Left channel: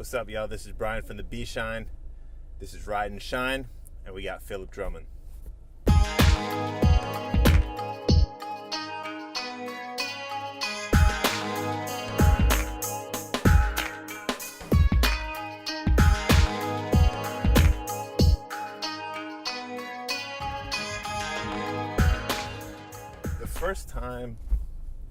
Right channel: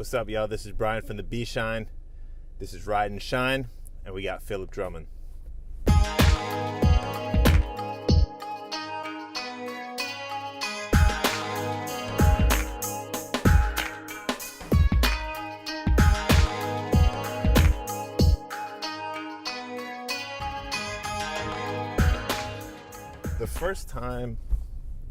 What's up, y'all? This is Brian from the B Shine. This is Ride and Shine, and we got Phillip Drummond. The first time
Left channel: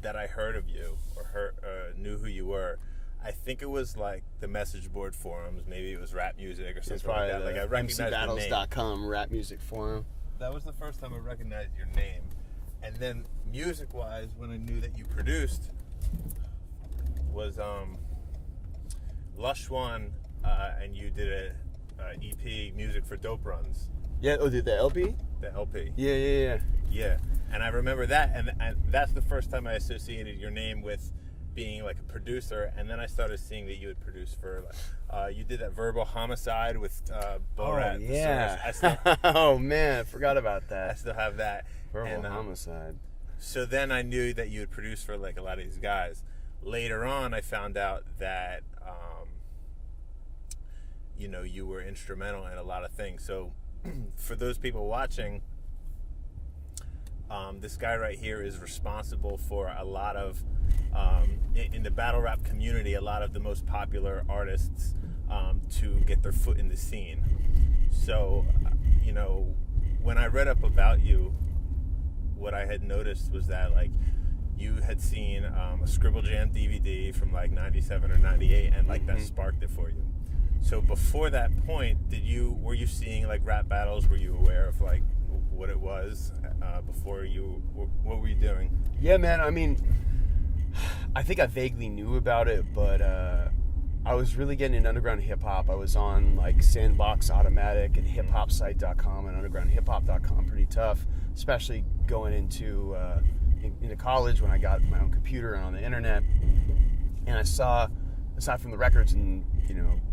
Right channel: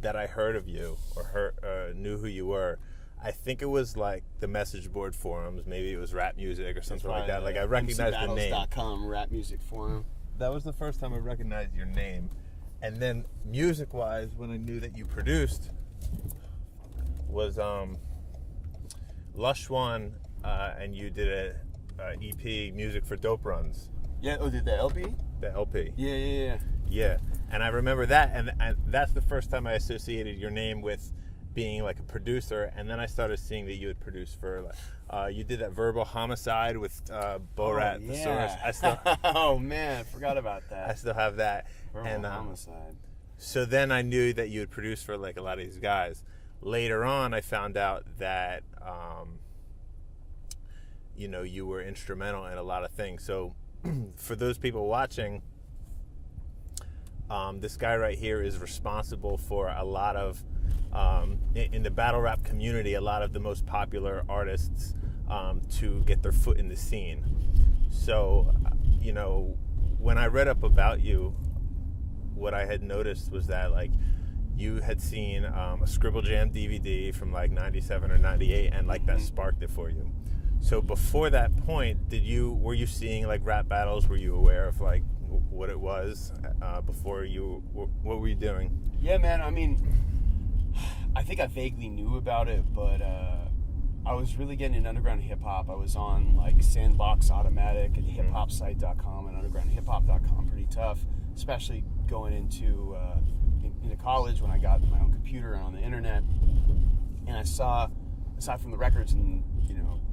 that I heard of you or knew who you were, I think it was like the message board forums. Maybe it was rap music or something like that. Like I recognized the name. MCBattles.com rap music forum. That was the first time I recognized your name. And then music-wise, when I knew that you produced, was Lush One, and you did a EP, Music for Dope Runs. Yeah. Oh, did the LP? The LP. Yeah. And I remember that, and that's the first time I associated your name with being like a producer. And then I started seeing that you had produced for you did that Verbal Homicide with Borat. Oh, yeah. Oh man, I forgot about that. I still have that. Verbal Homicide. So then I knew that you had produced for like a lot of these guys. Later on, I found out that you were instrumental in a lot of things. So for those people watching, this guy right here is responsible for a lot of, in the battle rap community, a lot of the most popular artists to get their foot in the scene. So, when I read up about you, what I had noticed was that, like, you had seen a Scribble Jam DVD from, like, 97 or 98, and, like, that sparked it for you. So before that point, were you seeing, like, rap battles? Were you aware of, like, what it was before what were you doing? Yeah, man. I mean, I think I vaguely knew about it, but I was really getting into underground hip hop. I was on like Sandbox Automatic and hiphopsite.com and undergroundhiphop.com pretty tough, especially going into college when I got my own computer and on the internet. And I saw, aside from the records and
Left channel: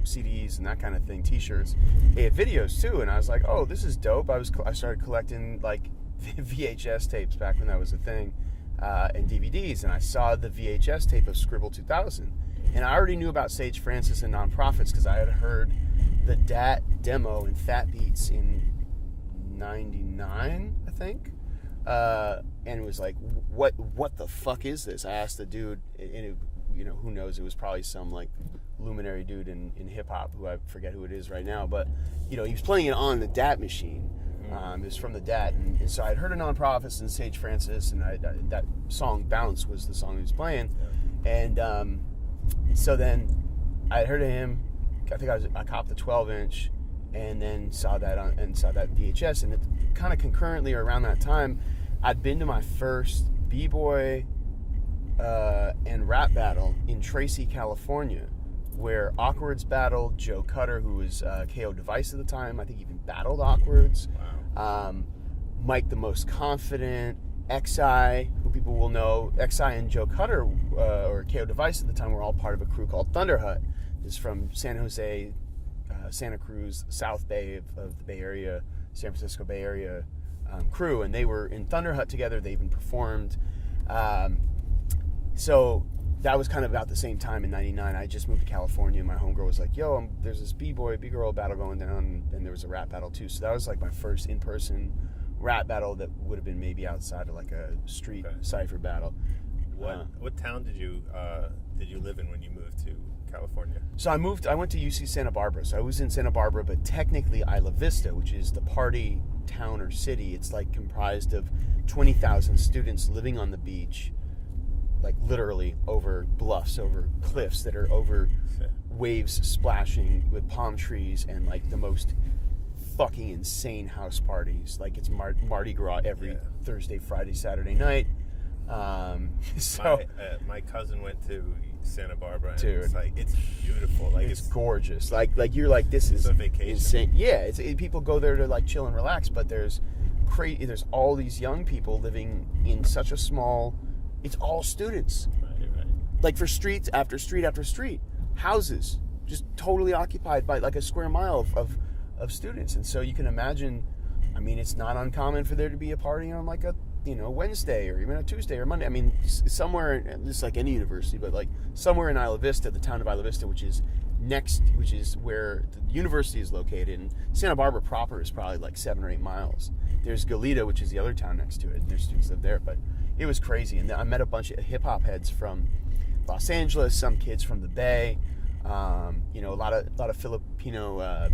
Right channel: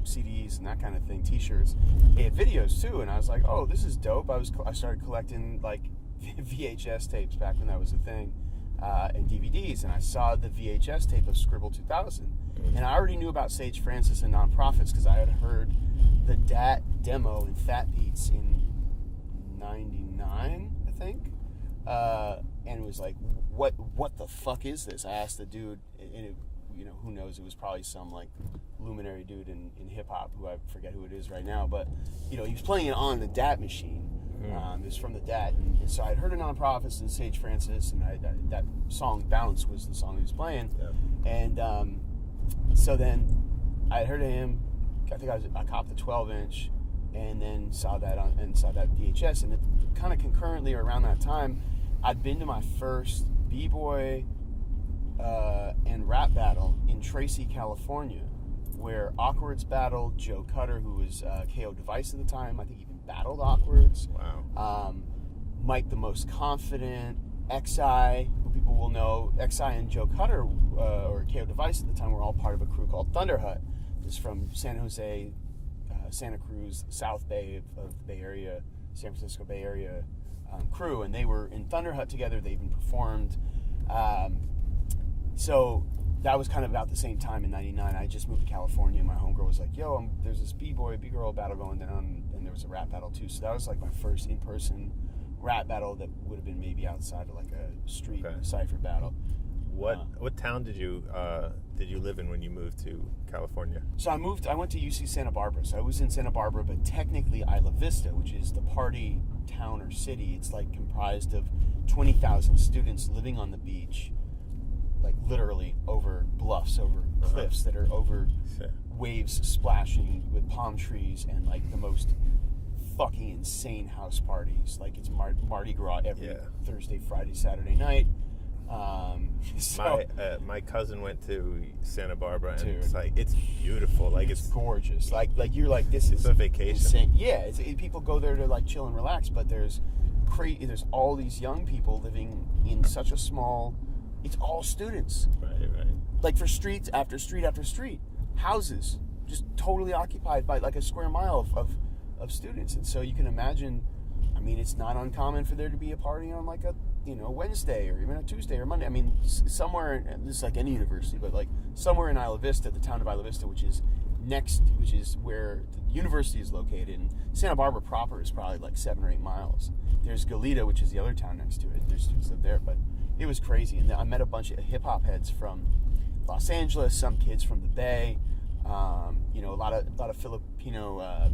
CDs and that kind of thing, T-shirts, they had videos too, and I was like, oh, this is dope. I started collecting like VHS tapes back when that was a thing, and DVDs, and I saw the VHS tape of Scribble 2000, and I already knew about Sage Francis and Nonprofits because I had heard the DAT demo in Fat Beats in '99, I think, and it was like, what the fuck is this? I asked the dude, and it, who knows, it was probably some like luminary dude in hip-hop who I forget who it is right now, but he was playing it on the DAT machine. It was from the DAT, and so I'd heard of Nonprofits and Sage Francis, and that song Bounce was the song he was playing. And so then I heard of him. I think I copped the 12-inch and then saw that VHS, and it kind of concurrently or around that time I'd been to my first b-boy and rap battle in Tracy, California, where Awkward's battled Joe Cutter, who was KO Device at the time. I think even battled Awkward's. Wow. Mike the Most Confident, XI, who people will know. XI and Joe Cutter, or KO Device at the time, were all part of a crew called Thunder Hut. It's from San Jose, Santa Cruz, South Bay of the Bay Area, San Francisco Bay Area crew, and they were in Thunder Hut together. They even performed. So that was kind of about the same time in '99. I just moved to California, and my homegirl was like, yo, there's this b-boy, b-girl battle going down, and there was a rap battle too. So that was like my first in-person rap battle that would have been maybe outside of like a street cypher battle. What town did you live in when you moved to California? So I went to UC Santa Barbara. So I was in Santa Barbara, but technically Isla Vista, which is the party town or city. It's like comprised of 20,000 students living on the beach, like literally over bluffs, over cliffs that are over waves splashing with palm trees, and like the most fucking insane house parties. Like it's Mardi Gras every Thursday, Friday, Saturday night. So my cousin went to Santa Barbara, and dude, it's beautiful. Like it's gorgeous. Like you're like, this is a vacation. Insane. Yeah, people go there to like chill and relax, but there's all these young people living in such a small. It's all students. Right. Like for streets after street after street, houses just totally occupied by like a square mile of students, and so you can imagine. I mean, it's not uncommon for there to be a party on like a Wednesday or even a Tuesday or Monday. I mean, somewhere, this is like any university, but like somewhere in Isla Vista, the town of Isla Vista, which is which is where the university is located, and Santa Barbara proper is probably like 7 or 8 miles. There's Goleta, which is the other town next to it, and there's students live there, but it was crazy. And I met a bunch of hip-hop heads from Los Angeles, some kids from the Bay, you know, a lot of Filipino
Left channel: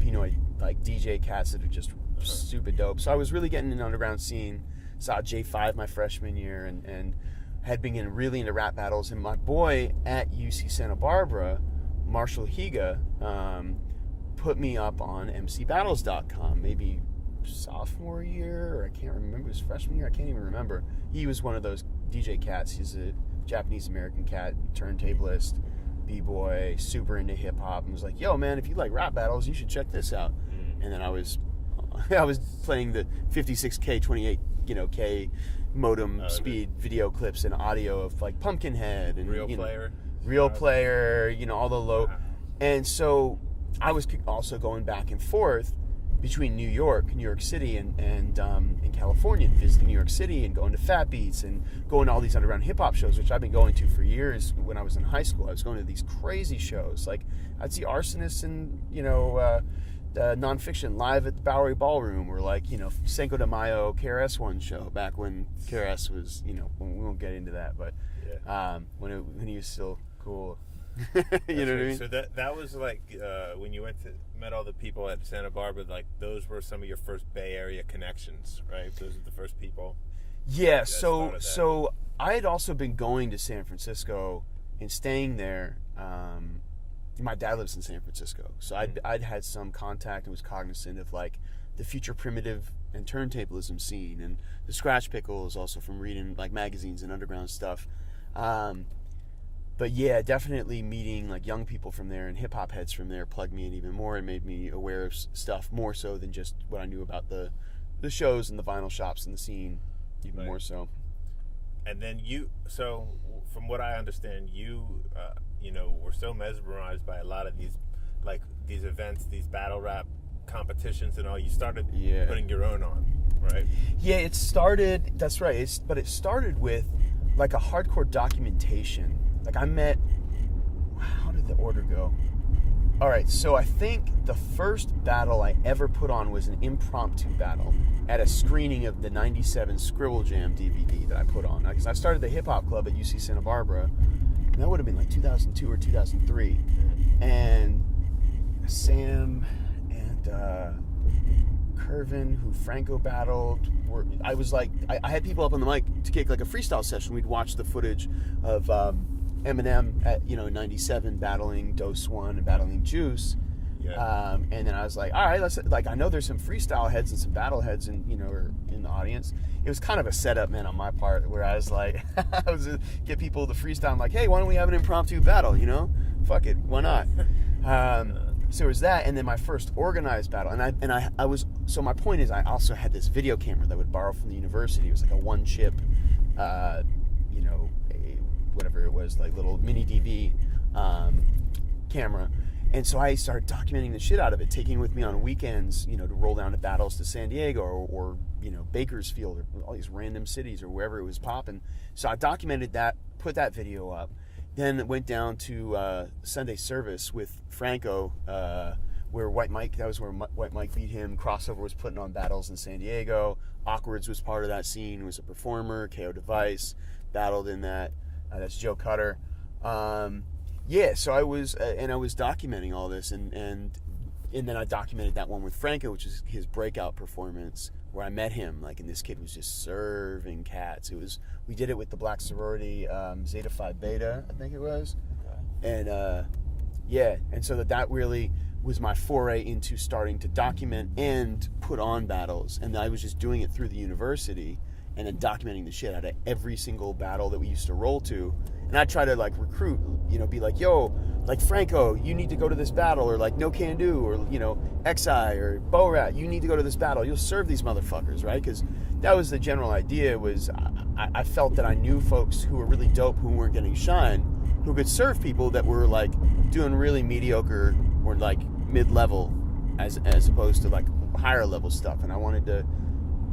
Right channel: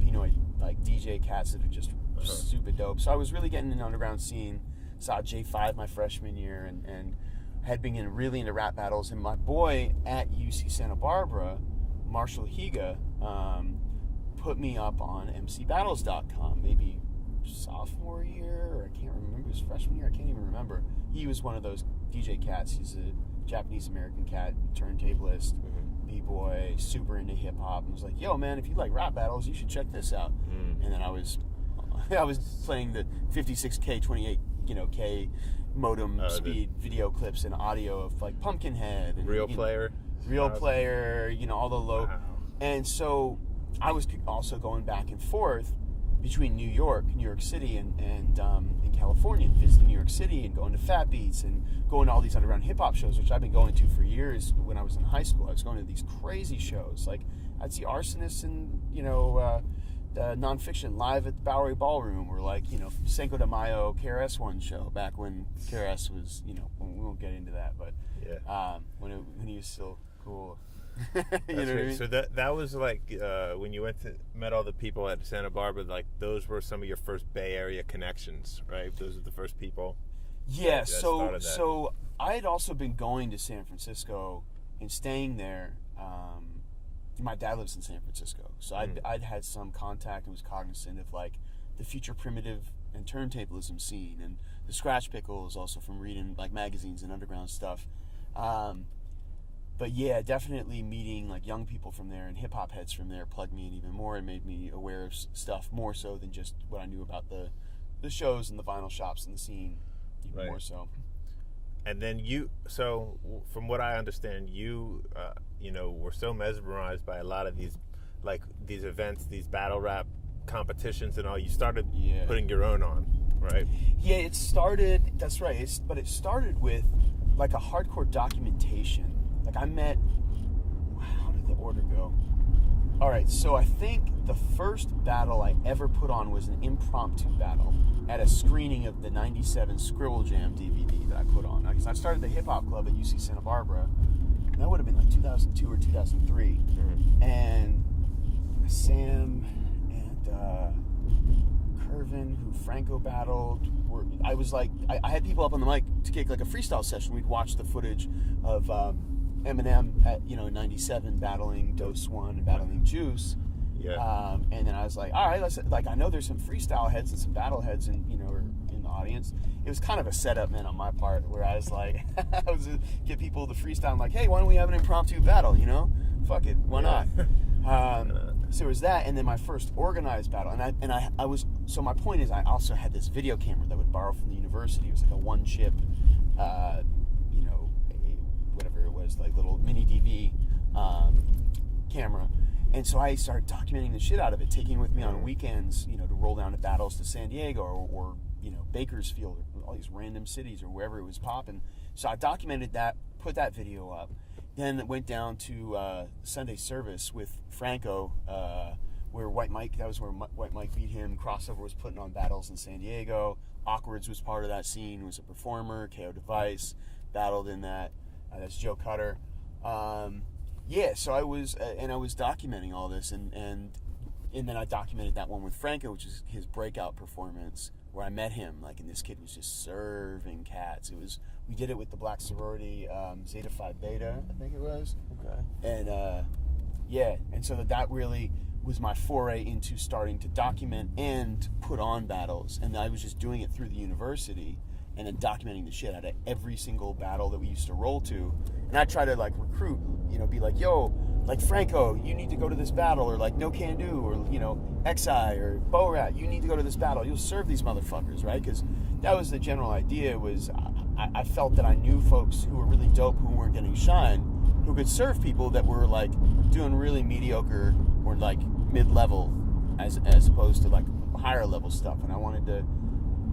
like DJ cats that are just super dope. So I was really getting in the underground scene. Saw J5 my freshman year, and had been getting really into rap battles. And my boy at UC Santa Barbara, Marshall Higa, put me up on mcbattles.com, maybe sophomore year, or I can't remember, it was freshman year, I can't even remember. He was one of those DJ cats. He's a Japanese-American cat, turntablist, b-boy, super into hip-hop, and was like, yo, man, if you like rap battles, you should check this out. And then I was playing the 56K, 28, you know, K modem speed video clips and audio of like Pumpkinhead and Real Player, you know, all the low. Wow. And so I was also going back and forth between New York City, and in California, and visiting New York City and going to Fat Beats and going to all these underground hip hop shows, which I've been going to for years. When I was in high school, I was going to these crazy shows. Like I'd see Arsonists and, you know, Nonfiction live at the Bowery Ballroom, or like, you know, Cinco de Mayo KRS-One show back when KRS was, you know, we won't get into that, but when he was still cool. You know what I mean? So that was like when you met all the people at Santa Barbara, like those were some of your first Bay Area connections, right? Those are the first people. Yeah. So I had also been going to San Francisco and staying there. My dad lives in San Francisco, so I'd had some contact and was cognizant of like the future primitive and turntablism scene, and the Scratch Pickles, also from reading like magazines and underground stuff. But yeah, definitely meeting like young people from there and hip hop heads from there plugged me in even more and made me aware of stuff more so than just what I knew about the shows and the vinyl shops and the scene, even more so. And then so from what I understand, you know, were so mesmerized by a lot of these events, these battle rap competitions and all, you started putting your own on, right? Yeah, it started, that's right, but it started with like a hardcore documentation. Like how did the order go? All right, so I think the first battle I ever put on was an impromptu battle at a screening of the 97 Scribble Jam DVD that I put on. Because I started the hip hop club at UC Santa Barbara, and that would have been like 2002 or 2003. And Sam and Curvin, who Franco battled, I had people up on the mic to kick like a freestyle session. We'd watch the footage of Eminem at, you know, 97 battling Dose One and battling Juice. Yeah. And then I was like, all right, I know there's some freestyle heads and some battle heads in the audience. It was kind of a setup, man, on my part, where I was like, I was to get people to freestyle. I'm like, hey, why don't we have an impromptu battle, you know? Fuck it, why not? So there was that, and then my first organized battle, and I was, so my point is, I also had this video camera that I would borrow from the university. It was like a one chip, you know, whatever it was, like little mini DV camera. And so I started documenting the shit out of it, taking it with me on weekends, you know, to roll down to battles to San Diego or you know, Bakersfield, or all these random cities or wherever it was popping. So I documented that, put that video up, then went down to Sunday service with Franco, where White Mike beat him. Crossover was putting on battles in San Diego. Awkwards was part of that scene, was a performer. KO Device battled in that. That's Joe Cutter. Yeah, so I was documenting all this, and then I documented that one with Franco, which is his breakout performance, where I met him, like, and this kid was just serving cats. We did it with the black sorority, Zeta Phi Beta, I think it was. Okay. And and so that really was my foray into starting to document and put on battles, and I was just doing it through the university, and then documenting the shit out of every single battle that we used to roll to. And I try to like recruit, you know, be like, yo, like Franco, you need to go to this battle, or like No Can Do, or, you know, XI or Bo Rat, you need to go to this battle. You'll serve these motherfuckers, right? Because that was the general idea. Was I felt that I knew folks who were really dope, who weren't getting shine, who could serve people that were like doing really mediocre or like mid-level, as opposed to like higher level stuff. And I wanted to,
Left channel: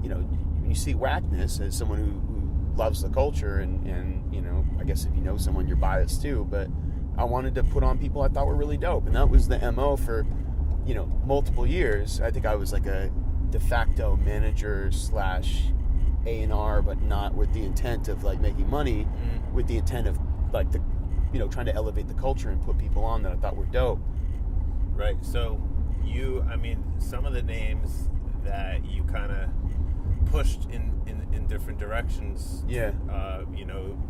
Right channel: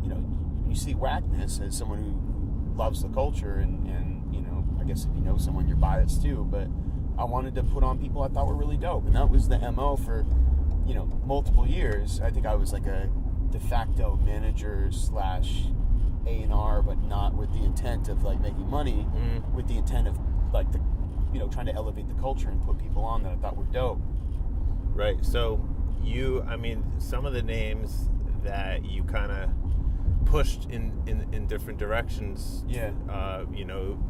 you know, when you see whackness as someone who loves the culture, and you know, I guess if you know someone, you're biased too, but I wanted to put on people I thought were really dope, and that was the MO for, multiple years. I think I was like a de facto manager / A&R, but not with the intent of like making money, with the intent of like trying to elevate the culture and put people on that I thought were dope. Right. So some of the names that you kind of pushed in different directions. Yeah.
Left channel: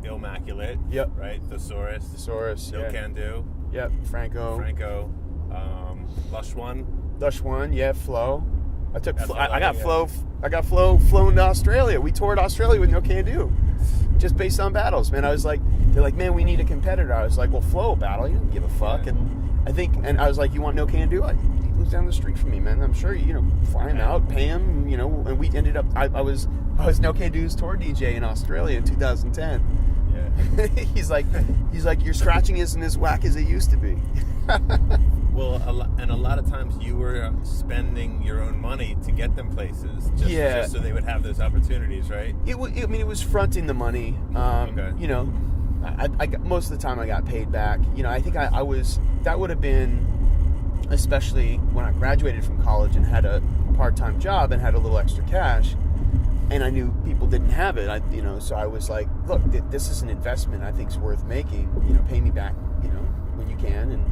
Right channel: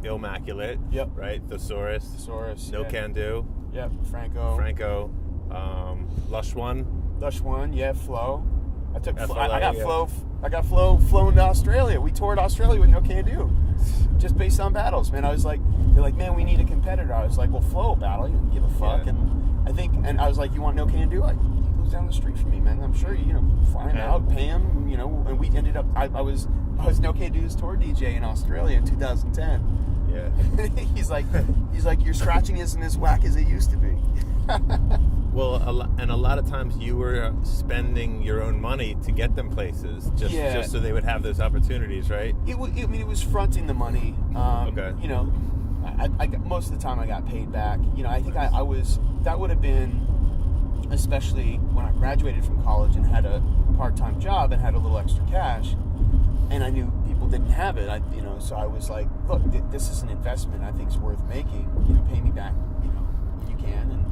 Immaculate. Yep. Right. Thesaurus. No yeah. Can Do. Yep. Franco. Lush One. Yeah. Flow. I got Flow, flown to Australia. We toured Australia with No Can Do, just based on battles, man. I was like, they're like, man, we need a competitor. I was like, well, Flow battle. You didn't give a fuck. Yeah. And I was like, you want No Can Do? He lives down the street from me, man. I'm sure fly him out, pay him, and we ended up. I was No Can Do's tour DJ in Australia in 2010. Yeah. he's like, your scratching isn't as whack as it used to be. Well, a lot of times you were spending your own money to get them places, just so they would have those opportunities, right? It was fronting the money. Okay. I most of the time I got paid back. I think I was. That would have been, especially when I graduated from college and had a part-time job and had a little extra cash, and I knew people didn't have it. So I was like, look, this is an investment I think is worth making. Pay me back, when you can,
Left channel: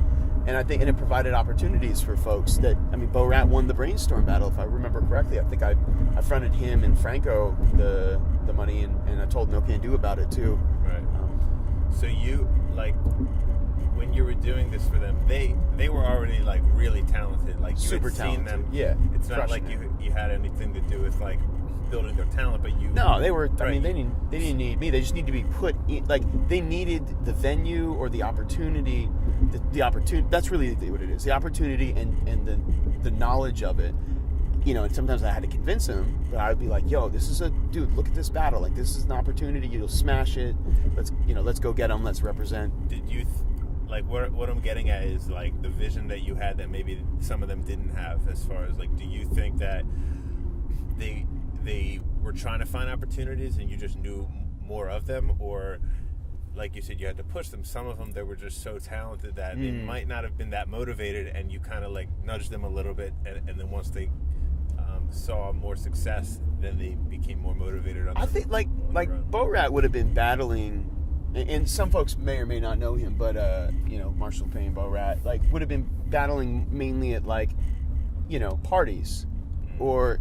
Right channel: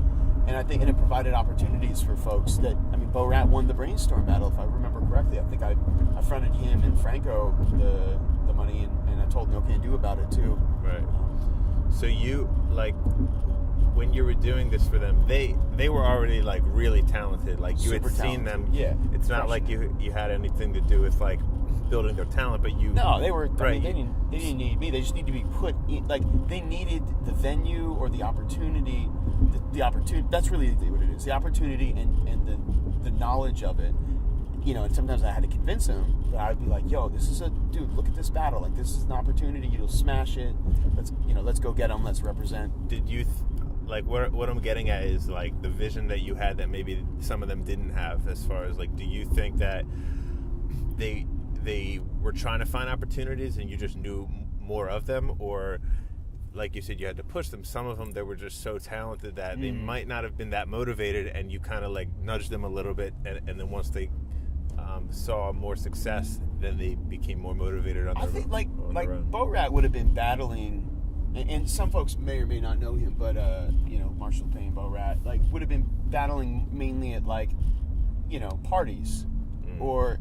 and I think, and it provided opportunities for folks that, Bo Rat won the Brainstorm battle, if I remember correctly. I think I fronted him and Franco the money, and I told No Can Do about it too. Right. So you, when you were doing this for them, they were already really talented. Like you Super had seen talented. them. Yeah. It's not like you had anything to do with building their talent, but you. No, they were. Right. They didn't need me. They just need to be put in. They needed the venue or the opportunity. The opportunity. That's really what it is. The opportunity and the knowledge of it. And sometimes I had to convince them, but I would be like, "Yo, this is dude. Look at this battle. This is an opportunity. You'll smash it. Let's go get them. Let's represent." Did you what I'm getting at is the vision that you had that maybe some of them didn't have, as far as do you think that they were trying to find opportunities and you just knew more of them, or like you said, you had to push them? Some of them, they were just so talented that they might not have been that motivated, and you kind of nudged them a little bit, and then once they saw more success, then they became more motivated. I think Bo Rat would have been battling, and some folks may or may not know him, but Marshall Payne, Bo Rat, would have been battling mainly at parties or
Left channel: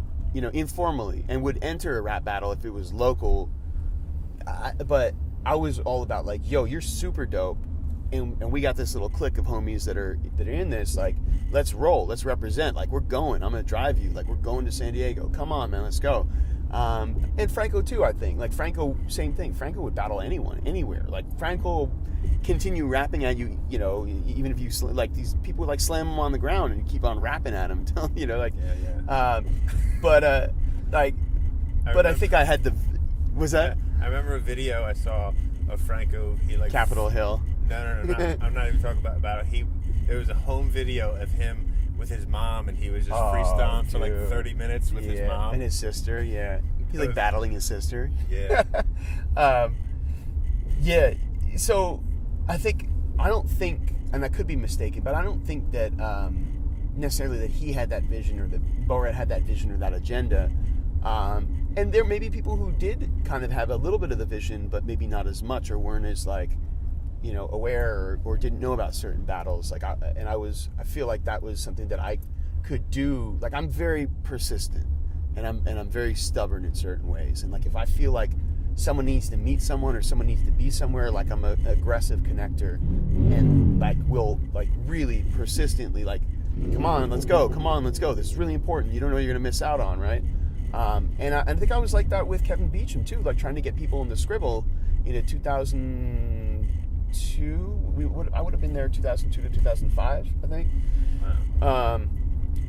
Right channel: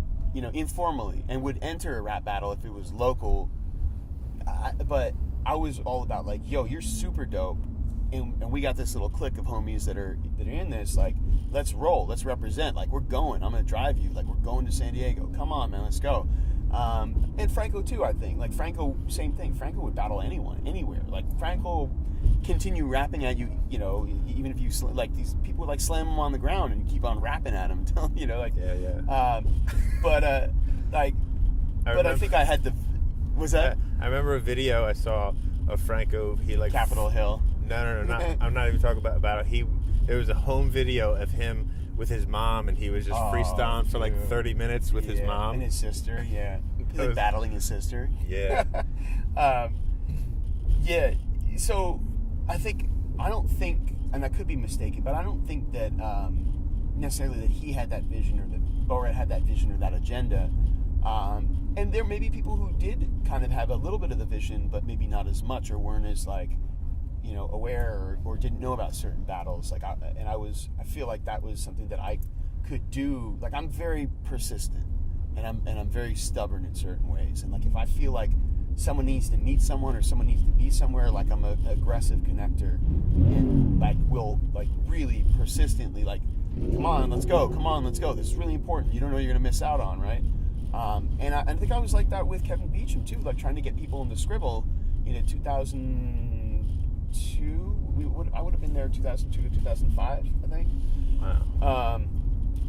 informally, and would enter a rap battle if it was local. But I was all about yo, you're super dope, and we got this little clique of homies that are in this. Let's roll, let's represent. We're going. I'm gonna drive you. We're going to San Diego. Come on, man, let's go. And Franco too, I think. Franco, same thing. Franco would battle anyone, anywhere. Franco continue rapping at you, even if you these people would slam him on the ground and you keep on rapping at him until but I think I had the. Was that? I remember a video I saw of Franco. He Capitol Hill. No, I'm not even talking about it. There was a home video of him with his mom, and he was just freestyling for 30 minutes with his mom and his sister. Yeah, he's battling his sister. Yeah. Yeah. So I don't think, and I could be mistaken, but I don't think that necessarily that he had that vision, or that Bo Rat had that vision or that agenda. And there may be people who did kind of have a little bit of the vision, but maybe not as much, or weren't as aware, or didn't know about certain battles. I feel like that was something that I could do. I'm very persistent, and I'm very stubborn in certain ways. And if I feel like someone needs to meet someone, or someone needs to be somewhere, I'm an aggressive connector, and will really persistently come on, let's go. This is really important. You don't know what you're gonna miss out on, right? And I think I was like that with Kevin Beecham too, trying to get people in the Scribble in 2002. I would have been there 2002 to 2005, I think. Wow.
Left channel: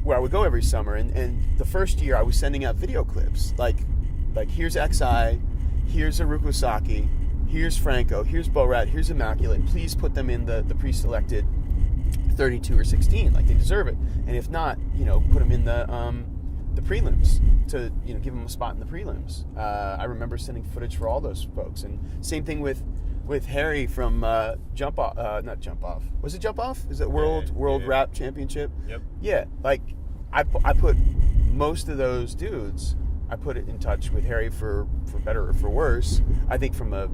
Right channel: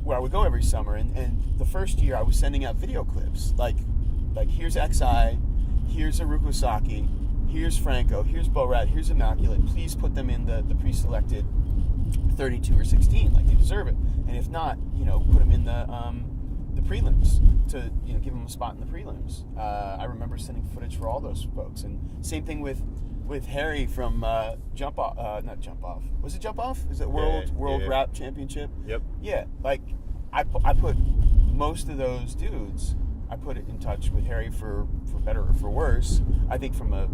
Where I would go every summer, and the first year I was sending out video clips, here's XI, here's Haruko Saki, here's Franco, here's Bo Rat, here's Immaculate. Please put them in the pre-selected 32 or 16, they deserve it. And if not, put them in the prelims to give them a spot in the prelims. I remember sending footage for all those folks, and same thing with with Harry from Jump Off. Not Jump Off. Was it Jump Off? Is it World yeah. Rap Championship? Yep. Yeah. Like I put most of those dudes. I put it in touch with Harry for better or for worse. I think from a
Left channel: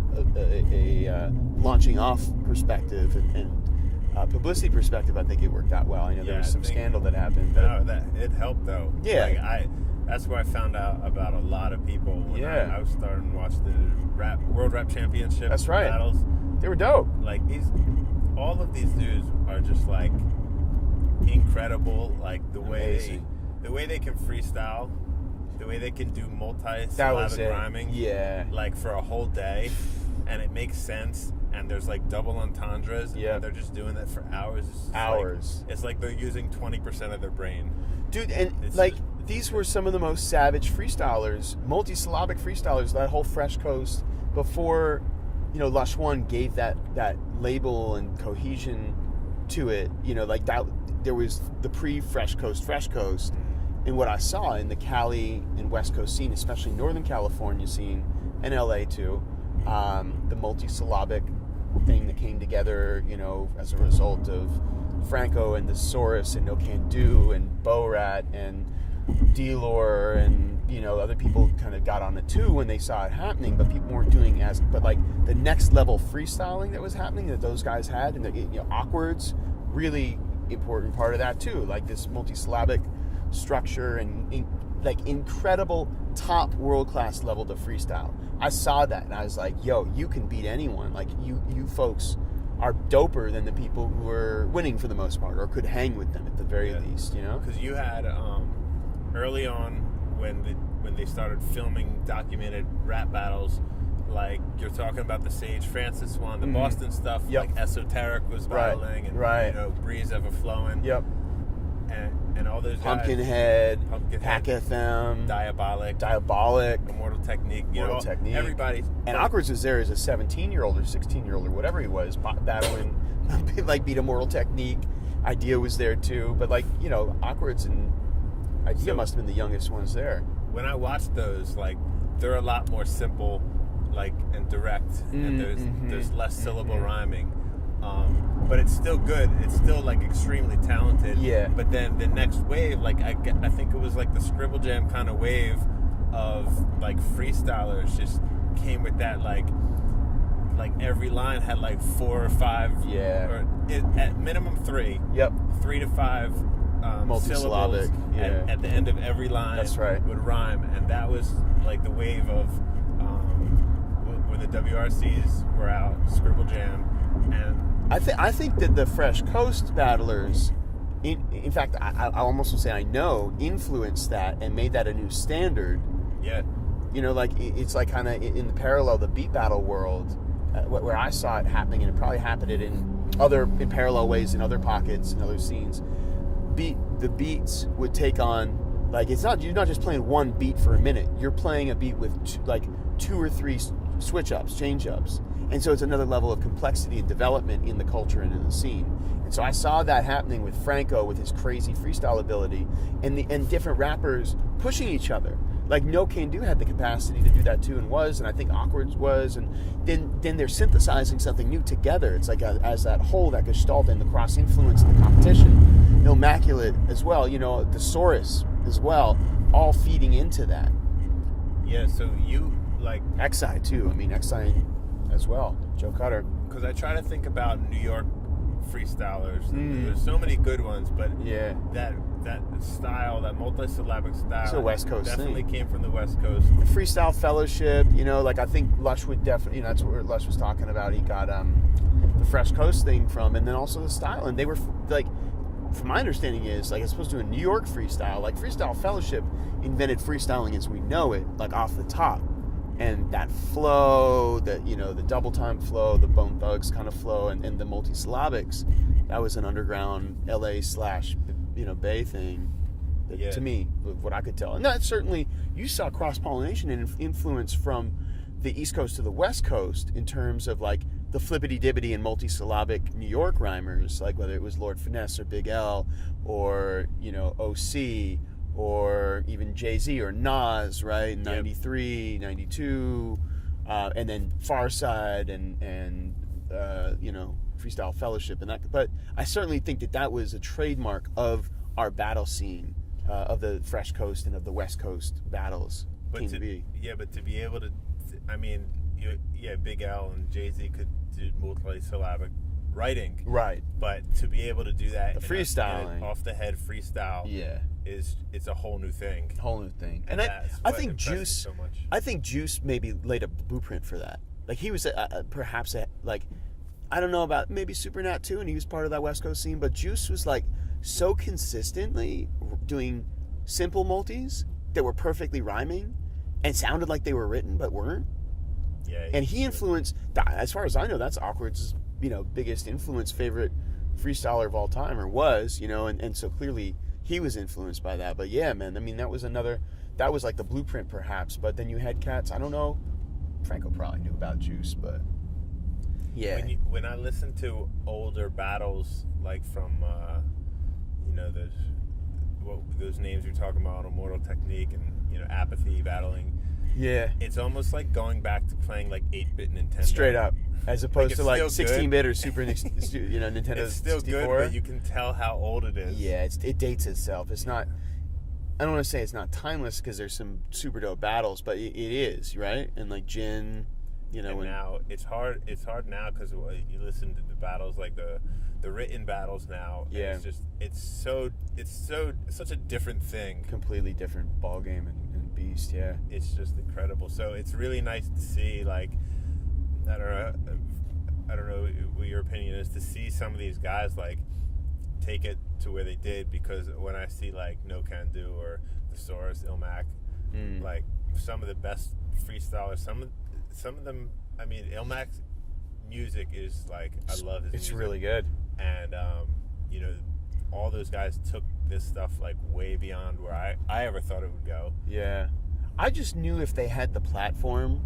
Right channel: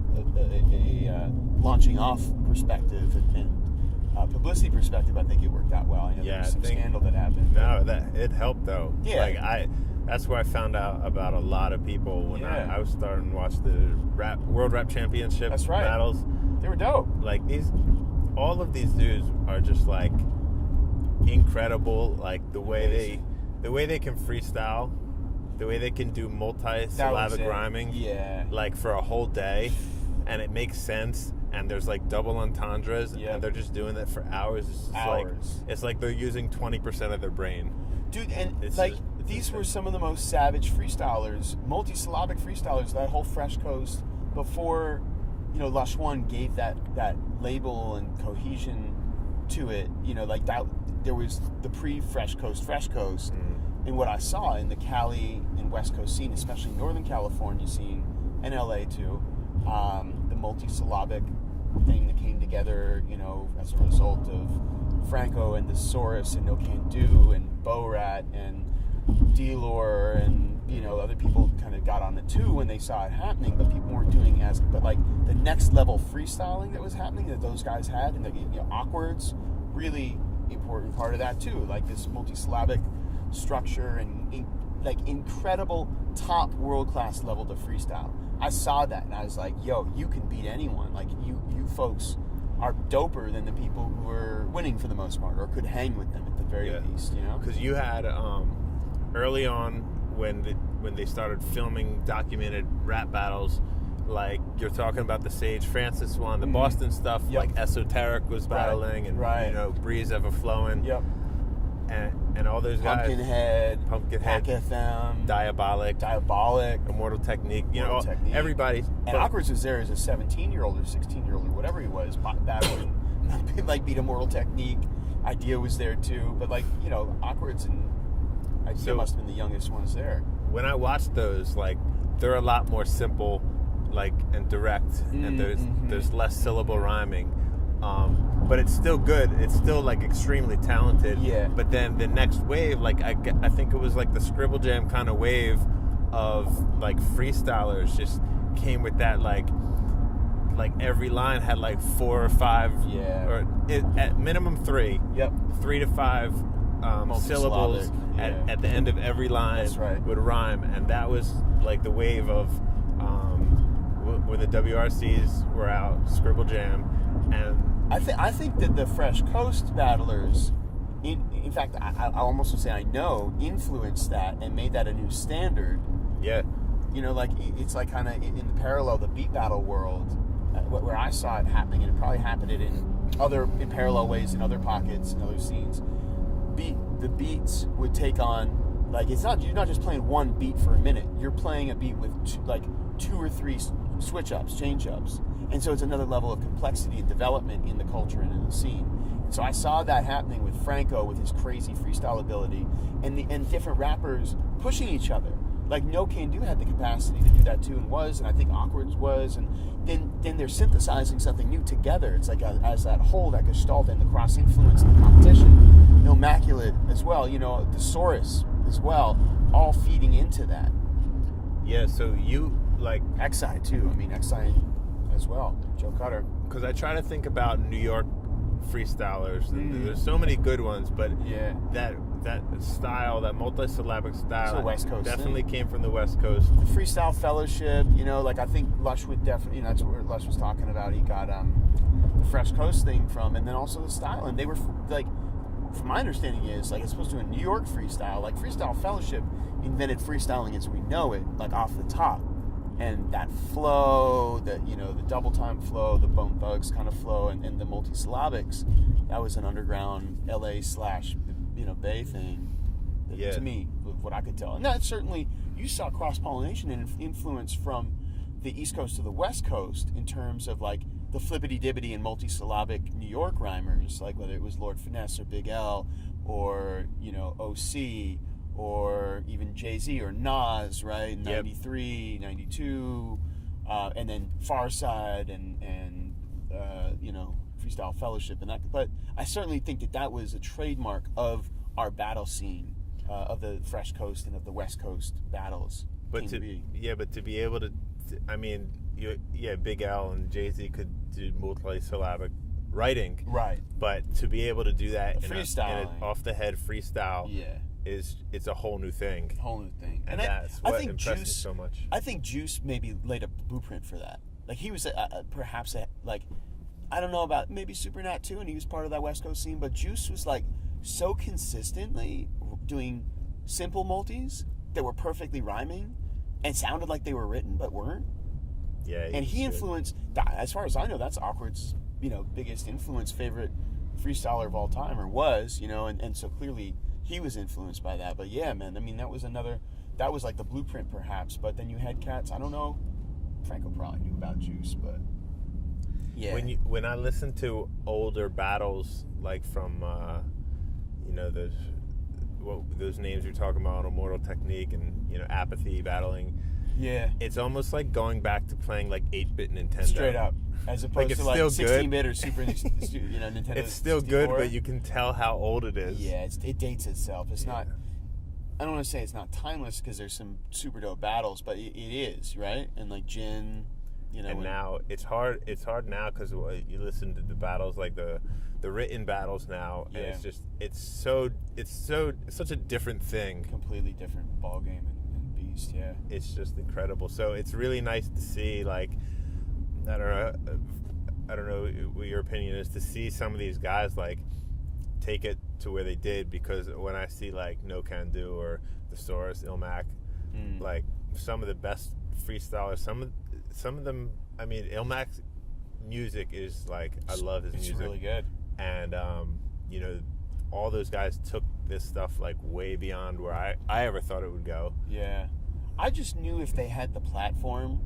launching off perspective and publicity perspective, I think it worked out well. I know there was some scandal that happened. No, that it helped though. Yeah. Like that's where I found out about a lot of people when I was starting to watch the World Rap Championship battles. They were dope. Like all of these dudes are just like incredible. Like the way they can freestyle, the way they can do multi-syllabic rhyming. Yeah. Like for a whole day, and it makes sense. And there's like double entendres, and they're just doing that for hours. It's like they're using 20% of their brain. Dude, and these were some of the most savage freestylers, multi-syllabic freestylers, that whole Fresh Coast, before, Lush One gave that label and cohesion to it, like that, there was the pre-Fresh Coast, and what I saw in the Cali and West Coast scene, especially Northern California scene, and LA too, the multi-syllabic thing that came together, as a result of Franco and the Saurus and No Can Do and Bo Rat and D-Lore and other people kind of got on it too when they saw it happening, but people weren't doing like the next level freestyling that was happening that those guys had, and the Awkward's really important part of that too, like this multi-syllabic structure and like incredible top world-class level to freestyle. I saw that and I was like, yo, you can beat anyone. Like you folks are doper than the people who are winning for the most part, or could hang with them at the very least, Because you had early on when they started filming documented rap battles, like you're talking about the Sage Francis one, the Boston stuff, like Esoteric was battling, and Breeze Ever Flowing. Yep. And all those guys, Pumpkinhead, Hack FM, Diabolic, Immortal Technique, everybody. And Awkward's was there as a 17-year-old or 16-year-old or whatever he was, battling, like beat Immortal Technique. Idea was there too, but Awkward's and Idea must have been the youngest ones there. When I watched those, like, they're a lot more simple, like, and direct, and there's less syllable rhyming. But it's still good. It's still like extremely talented. Yeah. But then the next wave, like I think it was like the Scribble Jam kind of wave of like freestylers just came with that like every line had like 4 or 5. Yeah. Or at minimum 3. Yep. 3 to 5 syllables at the end of every line. That's right. Would rhyme, and that was like the wave of when the WRCs were out, Scribble Jam, and I think that the Fresh Coast battlers, in fact, I almost would say I know, influenced that and made that a new standard. Yeah. Like it's like kind of in the parallel, the beat battle world, where I saw it happening, and it probably happened in parallel ways in other pockets and other scenes. The beats would take on, like, you're not just playing one beat for a minute. You're playing a beat with 2 or 3 switch ups, change ups. And so it's another level of complexity and development in the culture and in the scene. And so I saw that happening with Franco with his crazy freestyle ability, and different rappers pushing each other. Like No Can Do had the capacity to do that too, and I think Awkward's was, and then they're synthesizing something new together. It's like as that whole, that gestalt, and the cross influence and the competition. Immaculate as well, the Saurus as well, all feeding into that. Yeah, so you like Xi too. I mean Xi as well, Joe Cutter. Because I try to think about New York freestylers. There's so many good ones, but that style, that multi-syllabic style, it's a West Coast definitely thing. Came from the West Coast. The Freestyle Fellowship, like I think Lush would definitely, that's what Lush was talking about. He got the Fresh Coast thing from, and then also the style, and they were like, from my understanding is, like, as opposed to a New York freestyle, like Freestyle Fellowship invented freestyling as we know it, like off the top. And that flow, the double time flow, the Bone Thugs kind of flow, and the multi-syllabics, that was an underground LA/Bay thing. To me, what I could tell. And that certainly, you saw cross-pollination and influence from the East Coast to the West Coast in terms of like the flippity-dibbity and multi-syllabic New York rhymers, like whether it was Lord Finesse or Big L or, OC, or even Jay-Z or Nas, right? 93, 92, and then Far Side and Freestyle Fellowship and that. But I certainly think that was a trademark of our battle scene, of the Fresh Coast and of the West Coast battles. But to be able to, I mean, Big L and Jay-Z could do multi-syllabic writing, right? But to be able to do that, freestyling, off the head freestyle, it's a whole new thing. And I think Juice so much. I think Juice maybe laid a blueprint for that. Like he was perhaps I don't know about maybe Supernat too, and he was part of that West Coast scene. But Juice was like so consistently doing simple multis that were perfectly rhyming and sounded like they were written but weren't. Yeah. And he influenced, as far as I know, that's Awkward's biggest influence, favorite freestyler of all time, or was, and so clearly he was influenced by that. But yeah, man, I mean, that was like the blueprint perhaps. But then you had cats, I don't know, Franco probably knew about Juice, but yeah. When I listen to older battles, like from those names you're talking about, Immortal Technique and Apathy battling, it's almost like going back to playing like 8-bit Nintendo. Straight up. As opposed to like 16-bit or Super Nintendo. It's still 64. Good, but you can tell how old it is. Yeah, it dates itself. It's not, I don't want to say it's not timeless because there's some super dope battles, but it is, right? And like Jin, And now it's hard now because you listen to the battles, like the written battles now. And it's such a different thing. Completely different ball game and beast. Yeah, it's just incredible. So it's really nice to see, like, I don't know what your opinion is, to see some of these guys like take it to where they did, because when I see like No Can Do or Thesaurus, Ilmac, like some of the best freestylers, some of them, I mean, Ilmac's music is like, I love his music. It's really good. And all those guys took this stuff like way beyond where I ever thought it would go. Yeah. I just knew if they had the platform,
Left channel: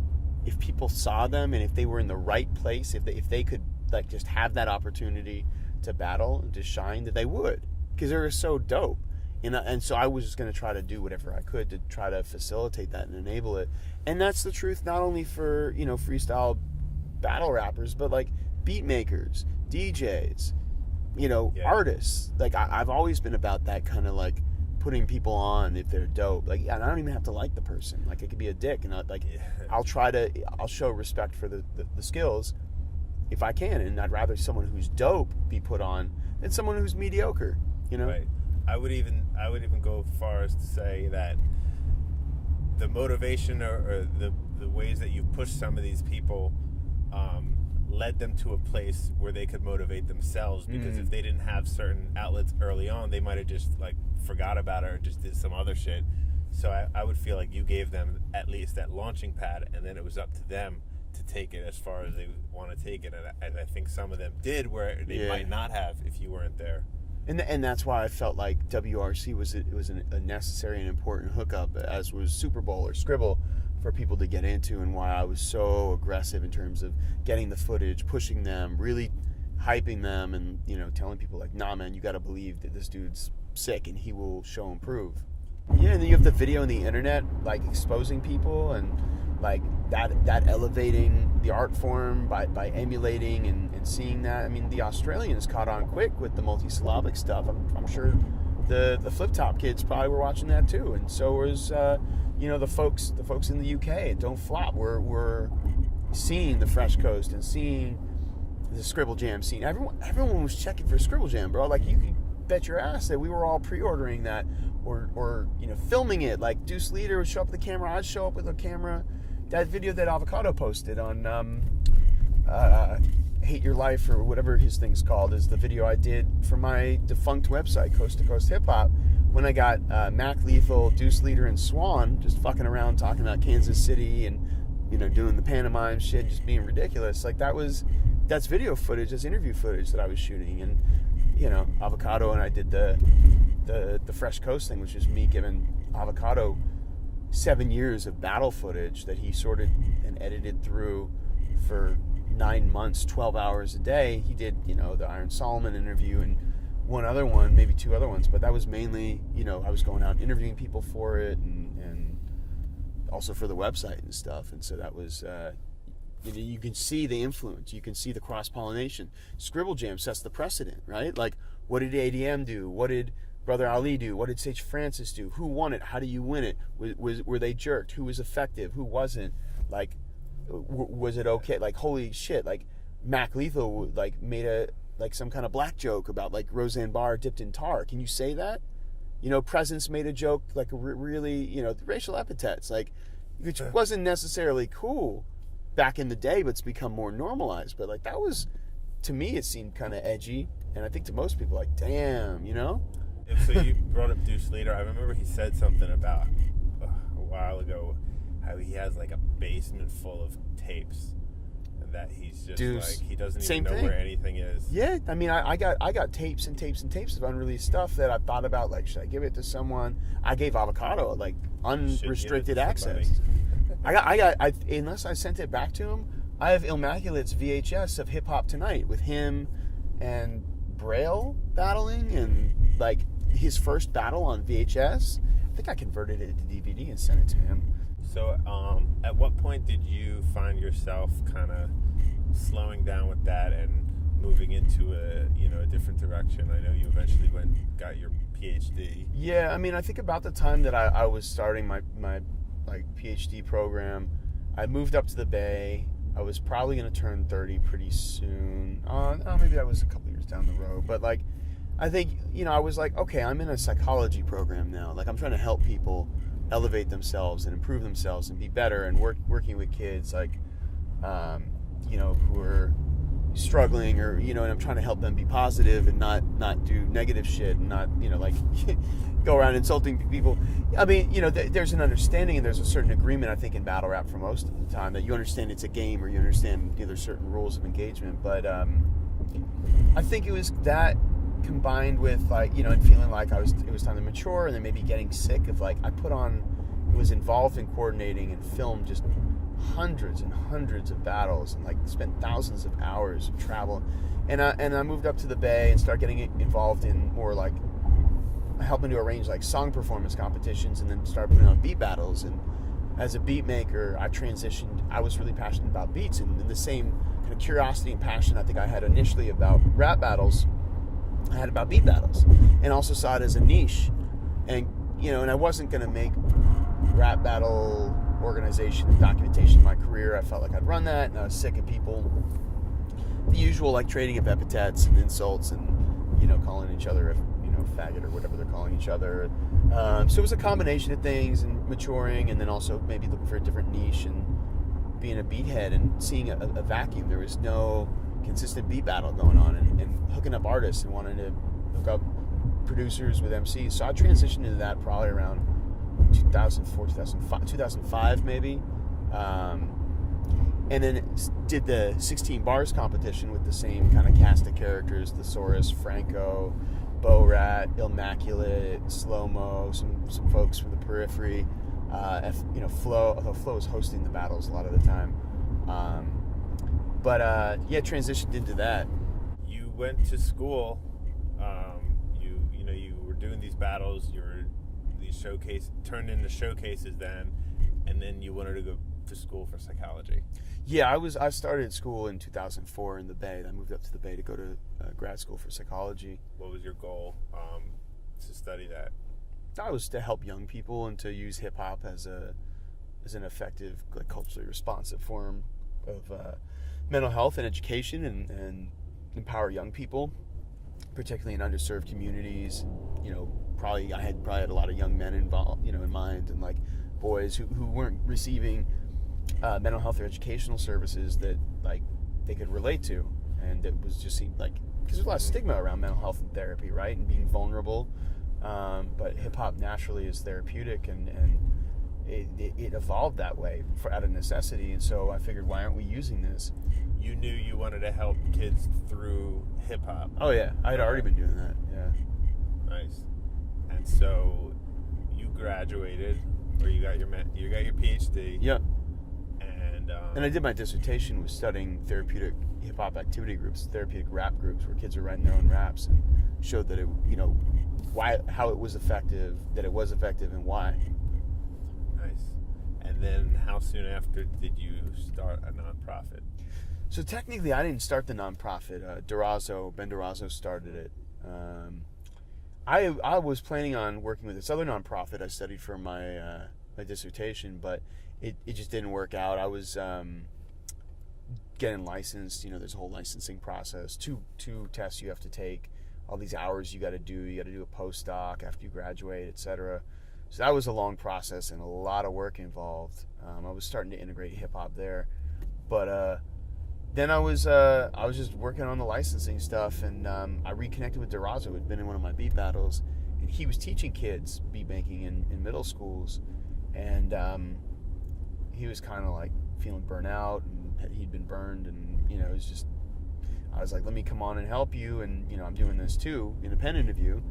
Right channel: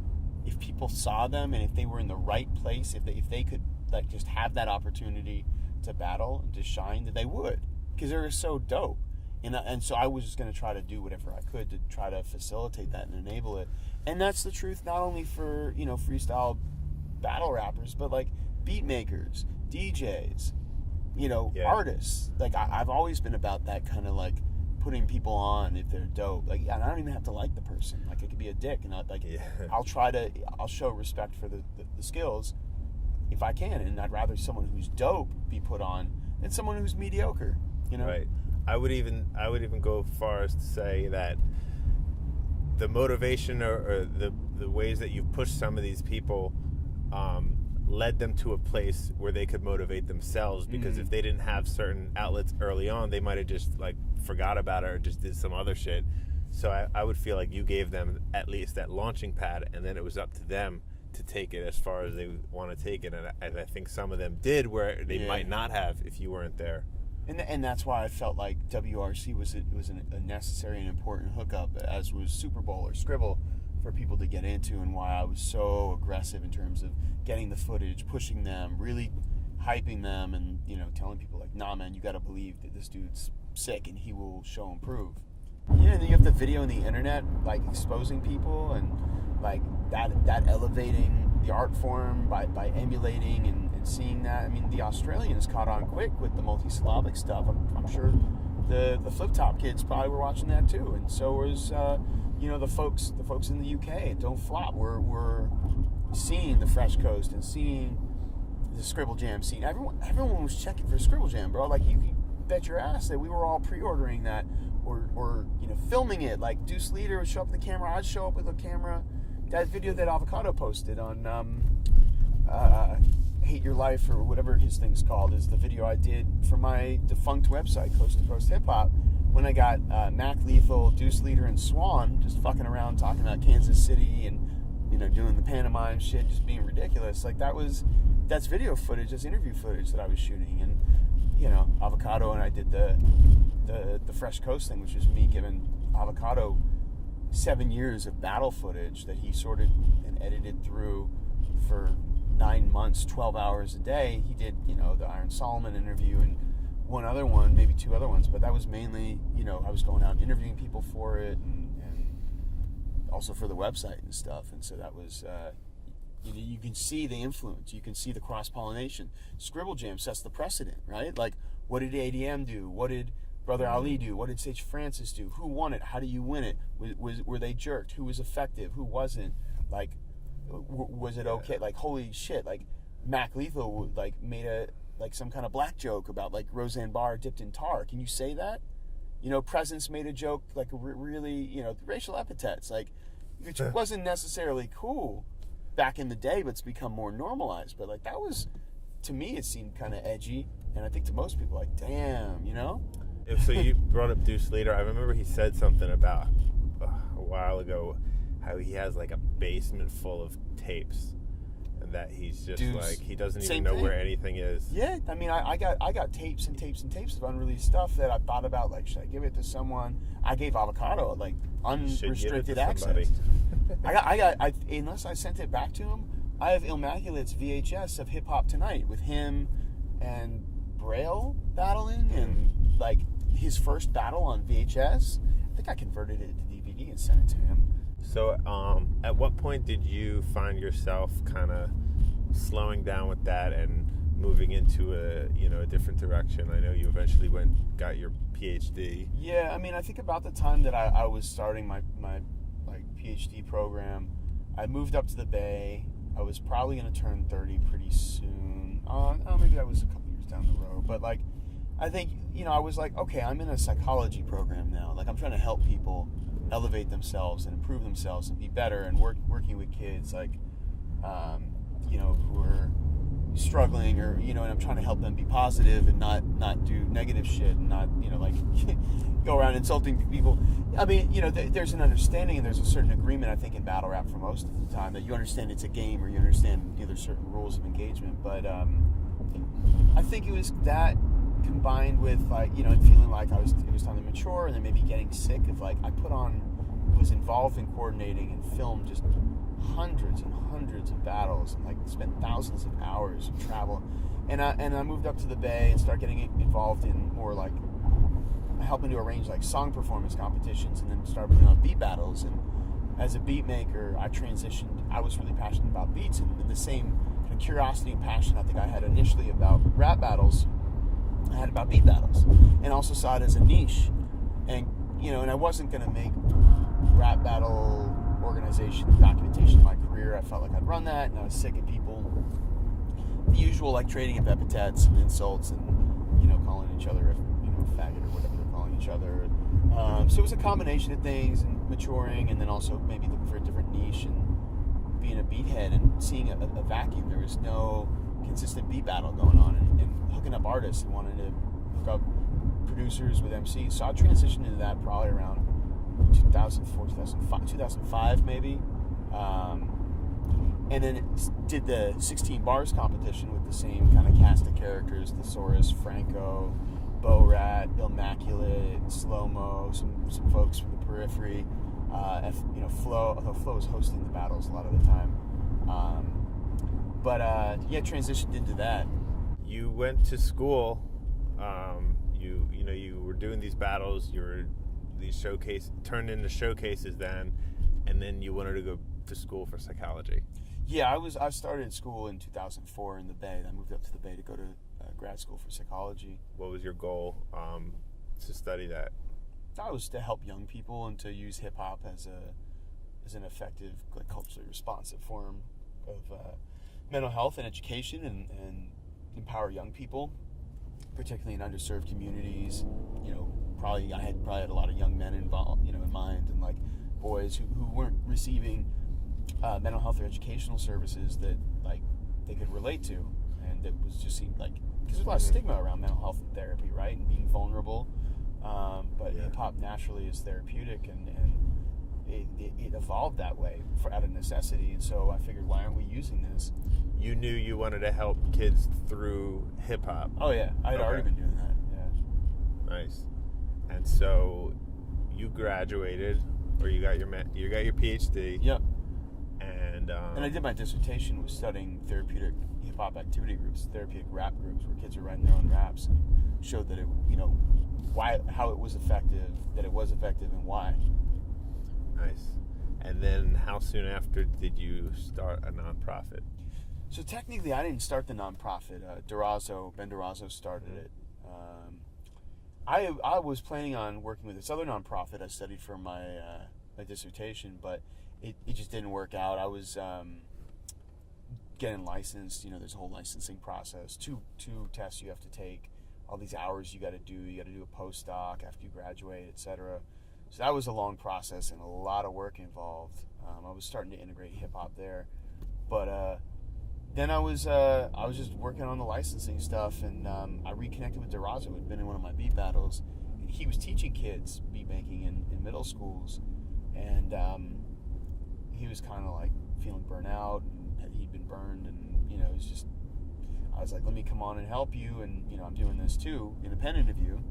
if people saw them, and if they were in the right place, if they could like just have that opportunity to battle and to shine, that they would, because they were so dope. And so I was just going to try to do whatever I could to try to facilitate that and enable it. And that's the truth, not only for freestyle battle rappers, but like beat makers, DJs, artists. Like I've always been about that kind of like putting people on if they're dope. Like, and I don't even have to like the person. Like, it could be a dick, and I'll show respect for the skills if I can, and I'd rather someone who's dope be put on than someone who's mediocre. Right. I would even go far as to say that the motivation or the ways that you've pushed some of these people led them to a place where they could motivate themselves, because if they didn't have certain outlets early on, they might have just like forgot about it or just did some other shit. So I would feel like you gave them at least that launching pad, and then it was up to them to take it as far as they want to take it. And I think some of them did, where they might not have if you weren't there. And that's why I felt like WRC was a necessary and important hookup, as was Super Bowl or Scribble, for people to get into, and why I was so aggressive in terms of getting the footage, pushing them, really hyping them, and telling people like, nah man, you got to believe that this dude's sick and he will show and prove. Yeah, and then you have the video and the internet like exposing people, and like that elevating the art form by emulating and seeing that. I mean, the Australians caught on quick with the multisyllabic stuff. I'm sure the Flip Top kids probably were watching that too, and so was the folks in the UK at Don't Flop were seeing the Fresh Coast and seeing the Scribble Jam scene. Everyone was checking for Scribble Jam, bro. Like, you could bet your ass that we were all pre-ordering that or filming it. Like, Deuce Leader would show up with the camera, I'd show up with a camera. That video that Avocado posted on Hate Your Life, or whatever his thing's called, is the video I did for my defunct website, Coast to Coast Hip Hop, when I got Mac Lethal, Deuce Leader, and Swan just fucking around talking about Kansas City and doing the pantomime shit, just being ridiculous. Like, that's video footage, that's interview footage that I was shooting. And Avocado and I did the Fresh Coast thing, which is me giving Avocado 7 years of battle footage that he sorted and edited through for 9 months, 12 hours a day. He did, the Iron Solomon interview and one other one, maybe two other ones, but that was mainly, I was going out interviewing people for it and also for the website and stuff. And so that was, You can see the influence. You can see the cross-pollination. Scribble Jam sets the precedent, right? Like, what did ADM do? What did Brother Ali do? What did Sage Francis do? Who won it? How do you win it? Were they jerked? Who was effective? Who wasn't? Like, was it okay? Like, holy shit! Like, Mac Lethal like made some kind of black joke about like Roseanne Barr dipped in tar. Can you say that? You know, Presence made a joke like really, racial epithets, like, which wasn't necessarily cool back in the day, but it's become more normalized. But like, that was, to me, it seemed kind of edgy, and I think to most people, like, damn, So you brought up Deuce Leader. I remember he said something about a while ago how he has like a basement full of tapes, and that he's just Deuce. like, he doesn't even Same know thing. where anything is. Yeah, I mean, I got tapes and tapes and tapes of unreleased stuff that I thought about, like, should I give it to someone? I gave Avocado like unrestricted access. Unless I sent it back to him, I have Immaculate's VHS of Hip Hop Tonight with him and Braille battling, and like his first battle on VHS. I think I converted it to DVD and sent it to him. So, at what point did you find yourself kind of slowing down with that and moving into a different direction? I know you eventually got your PhD. Yeah, I mean, I think about the time that I was starting my like PhD program, I moved up to the Bay. I was probably going to turn 30 pretty soon. Maybe that was a couple years down the road. But like, I think, I was like, okay, I'm in a psychology program now. Like, I'm trying to help people elevate themselves and improve themselves and be better, and working with kids like, who are struggling, or, and I'm trying to help them be positive and not do negative shit, and not, like go around insulting people. I mean, there's an understanding and there's a certain agreement, I think, in battle rap for most of the time, that you understand it's a game, or you understand there's certain rules of engagement. But I think it was that combined with like, and feeling like it was time to mature, and then maybe getting sick of like, I was involved in coordinating and filmed just hundreds and hundreds of battles, and like spent thousands of hours of travel, and I moved up to the Bay and started getting involved in more like helping to arrange like song performance competitions, and then started putting on beat battles. And as a beat maker, I transitioned. I was really passionate about beats, and the same kind of curiosity and passion I think I had initially about rap battles, I had about beat battles, and also saw it as a niche. And and I wasn't going to make rap battle organization and documentation my career. I felt like I'd run that, and I was sick of people, the usual like trading of epithets and insults, and calling each other a faggot or whatever they're calling each other. So it was a combination of things, and maturing, and then also maybe looking for a different niche, and being a beathead and seeing a vacuum. There was no consistent beat battle going on, and hooking up artists and wanting to hook up producers with MCs. So I transitioned into that probably around 2004, 2005 maybe. And then did the 16 bars competition with the same kind of cast of characters: Thesaurus, Franco, Bo Rat, Immaculate, Slow Mo, some folks from the periphery. Flo, although Flo was hosting the battles a lot of the time. Transitioned into that. You went to school. You were doing these battles. You were turned into showcases then, and then you wanted to go to school for psychology. Yeah, I started school in 2004 in the Bay. I moved up to the Bay to go to grad school for psychology. What was your goal to study that? That was to help young people and to use hip hop as an effective, like, culturally responsive form of mental health and education, and empower young people, particularly in underserved communities. I had a lot of young men involved, in mind, and like boys who weren't receiving mental health or educational services that like they could relate to, and it was just seemed like, because there's a lot of stigma around mental health and therapy, right, and being vulnerable. But hip hop naturally is therapeutic, and it evolved that way out of necessity. And so I figured, why aren't we using this? You knew you wanted to help kids through hip hop. Oh yeah, I had already been doing that. Yeah. Nice. And so you graduated, or you got your PhD. Yep. And I did my dissertation was studying therapeutic hip hop activity groups, therapeutic rap groups, where kids are writing their own raps, and showed that how it was effective, and why. Nice. And then how soon after did you start a nonprofit? So technically, I didn't start the nonprofit. Durazo Bender started it. I was planning on working with this other nonprofit I studied for my my dissertation, but it just didn't work out. I was getting licensed. You know, there's a whole licensing process. Two tests you have to take. All these hours you got to do. You got to do a postdoc after you graduate, etc. So that was a long process and a lot of work involved. I was starting to integrate hip hop there, but then I was just working on the licensing stuff, and I reconnected with Durazo, who had been in one of my beat battles, and he was teaching kids beat making in middle schools, and he was kind of like feeling burnt out, and he'd been burned, and you know, it was just, I was like, let me come on and help you, and you know, I'm doing this too, independent of you.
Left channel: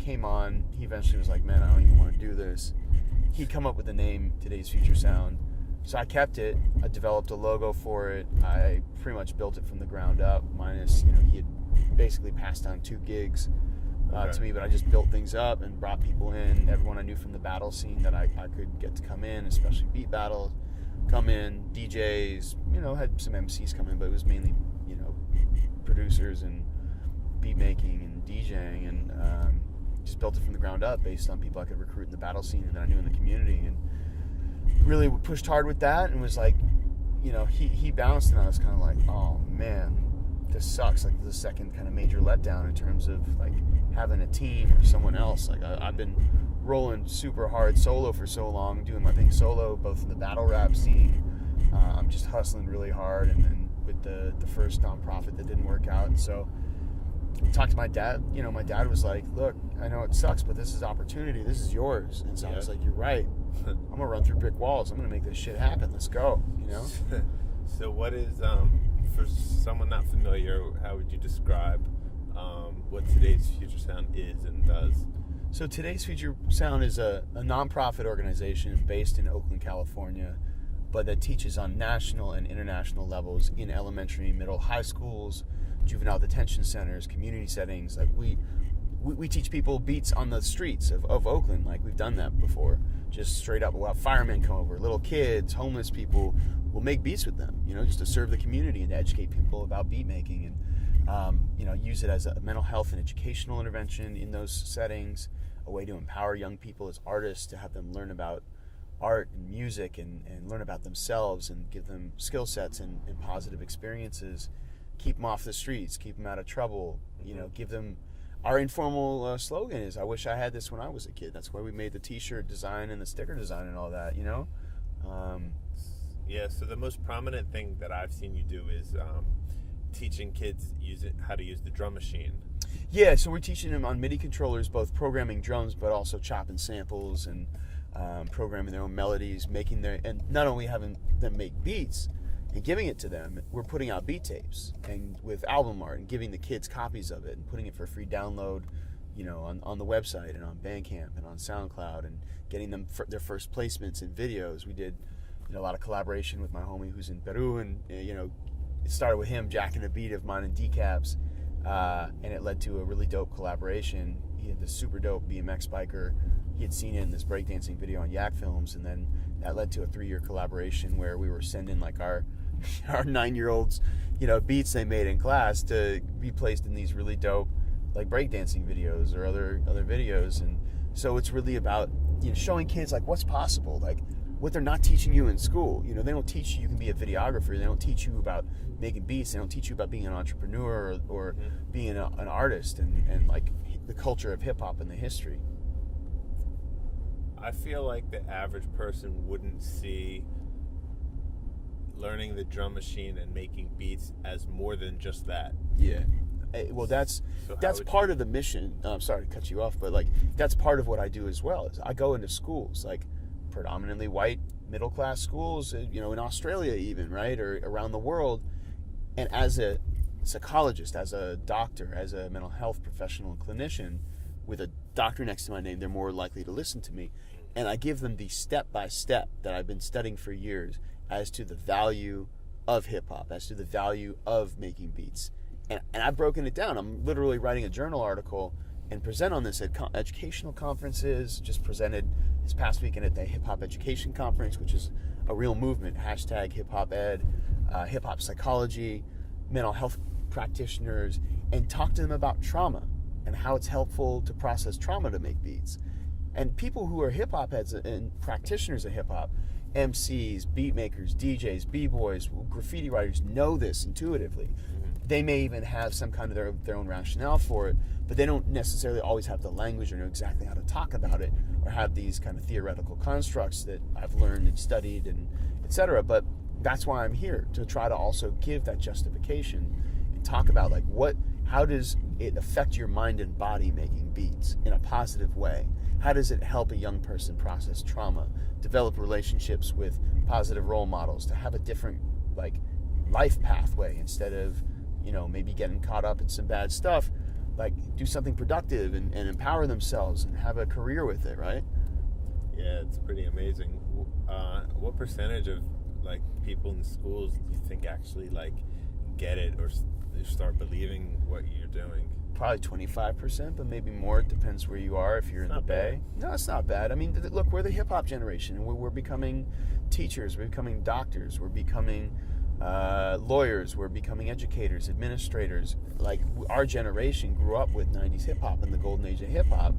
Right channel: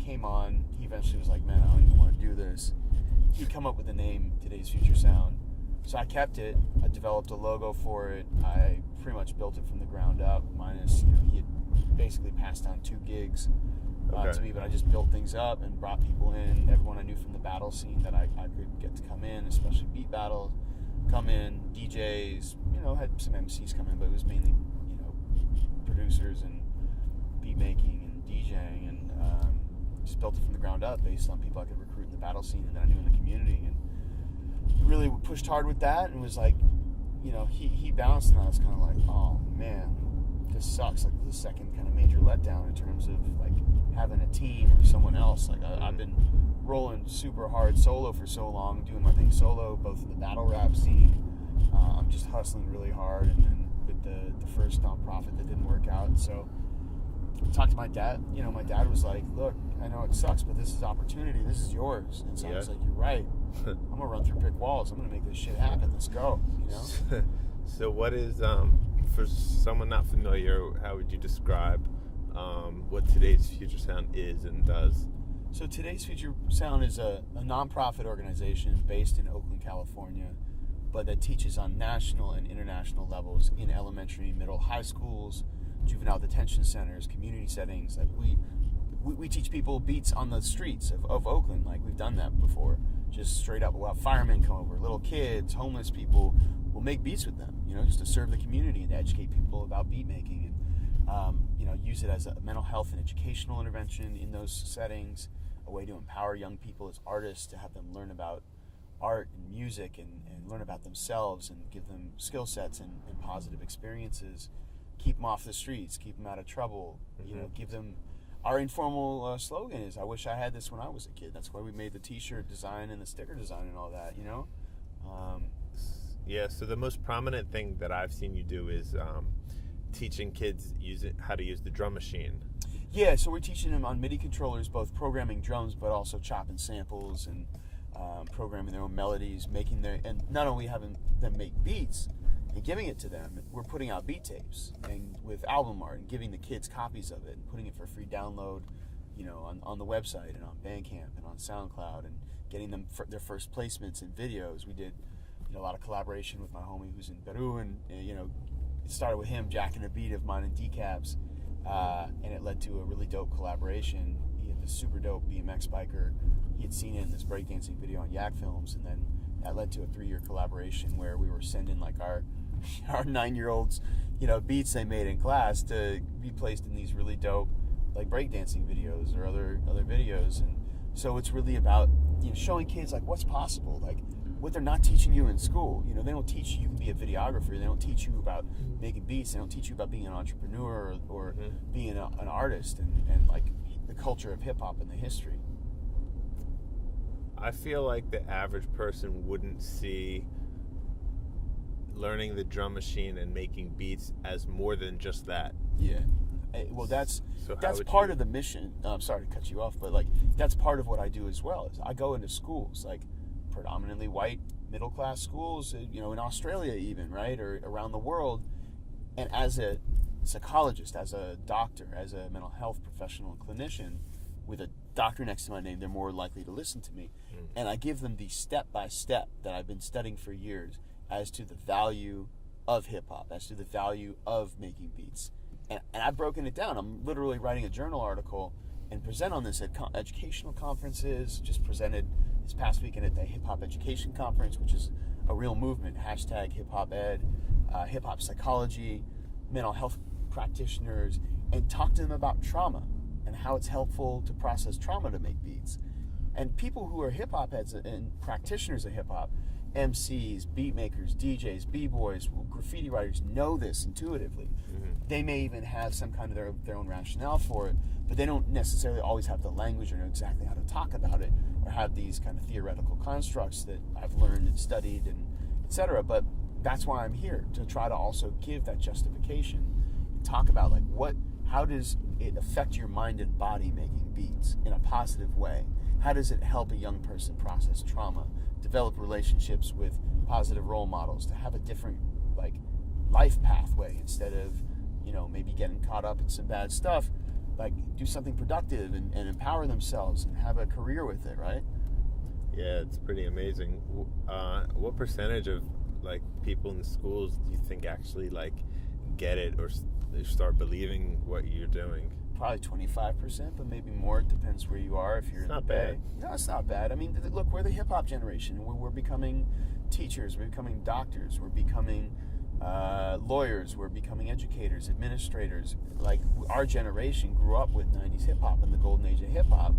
Came on. He eventually was like, man, I don't even want to do this. He'd come up with the name Today's Future Sound. So I kept it. I developed a logo for it. I pretty much built it from the ground up, minus, you know, he had basically passed down 2 gigs to me, but I just built things up and brought people in, everyone I knew from the battle scene that I could get to come in, especially beat battles, come in, DJs, you know, had some MCs come in, but it was mainly, you know, producers and beat making and DJing, and just built it from the ground up based on people I could recruit in the battle scene and that I knew in the community, and really pushed hard with that, and was like, you know, he bounced, and I was kind of like, oh man, this sucks. Like the second kind of major letdown in terms of like having a team or someone else. Like I've been rolling super hard solo for so long, doing my thing solo, both in the battle rap scene. I'm just hustling really hard, and then with the first nonprofit that didn't work out, and so I talked to my dad. You know, my dad was like, look, I know it sucks, but this is opportunity. This is yours. And so I was like, you're right. I'm gonna run through brick walls. I'm gonna make this shit happen. Let's go. You know. So what is for someone not familiar, how would you describe what Today's Future Sound is and does? So Today's Future Sound is a nonprofit organization based in Oakland, California, but that teaches on national and international levels in elementary, middle, high schools, juvenile detention centers, community settings. Like we teach people beats on the streets of Oakland. Like we've done that before. Just straight up, we'll have firemen come over, little kids, homeless people. We'll make beats with them, you know, just to serve the community and to educate people about beat making, and you know, use it as a mental health and educational intervention in those settings, a way to empower young people as artists, to have them learn about art and music, and learn about themselves, and give them skill sets and positive experiences, keep them off the streets, keep them out of trouble, you know, give them. Our informal slogan is, I wish I had this when I was a kid. That's why we made the t-shirt design and the sticker design and all that, you know? Yeah, so the most prominent thing that I've seen you do is teaching kids how to use the drum machine. Yeah, so we're teaching them on MIDI controllers, both programming drums, but also chopping samples and programming their own melodies, and not only having them make beats and giving it to them, we're putting out beat tapes and with album art and giving the kids copies of it and putting it for free download, you know, on the website and on Bandcamp and on SoundCloud, and getting them their first placements in videos. We did, you know, a lot of collaboration with my homie who's in Peru, and you know, it started with him jacking a beat of mine in Decaps, and it led to a really dope collaboration. He had this super dope BMX biker. He had seen it in this breakdancing video on Yak Films, and then that led to a 3-year collaboration where we were sending like our 9-year-olds, you know, beats they made in class to be placed in these really dope like breakdancing videos or other videos. And so it's really about, you know, showing kids like what's possible, like what they're not teaching you in school. You know, they don't teach you can be a videographer. They don't teach you about making beats. They don't teach you about being an entrepreneur or being an artist and like the culture of hip hop and the history. I feel like the average person wouldn't see learning the drum machine and making beats as more than just that. Yeah. Well, that's part of the mission. I'm sorry to cut you off, but like that's part of what I do as well. Is I go into schools, like predominantly white middle class schools, you know, in Australia even, right, or around the world. And as a psychologist, as a doctor, as a mental health professional and clinician, with a doctor next to my name, they're more likely to listen to me. And I give them the step-by-step that I've been studying for years as to the value of hip-hop, as to the value of making beats. And I've broken it down. I'm literally writing a journal article and present on this at educational conferences, just presented this past weekend at the Hip Hop Education Conference, which is a real movement, hashtag hip hop ed, hip hop psychology, mental health practitioners, and talk to them about trauma and how it's helpful to process trauma to make beats. And people who are hip hop heads and practitioners of hip hop, MCs, beat makers, DJs, b-boys, graffiti writers know this intuitively. They may even have some kind of their own rationale for it, but they don't necessarily always have the language or know exactly how to talk about it, or have these kind of theoretical constructs that I've learned and studied and etc. But that's why I'm here, to try to also give that justification and talk about like how does it affect your mind and body making beats in a positive way? How does it help a young person process trauma, develop relationships with positive role models, to have a different like life pathway instead of, you know, maybe getting caught up in some bad stuff, like do something productive and empower themselves and have a career with it, right? Yeah, it's pretty amazing. What percentage of like people in schools do you think actually like get it or start believing what you're doing? Probably 25%, but maybe more. It depends where you are. If you're in the Bay, no, it's not bad. I mean, look, we're the hip hop generation, and we're becoming teachers, we're becoming doctors, we're becoming lawyers, we're becoming educators, administrators. Like our generation grew up with '90s hip hop and the golden age of hip hop,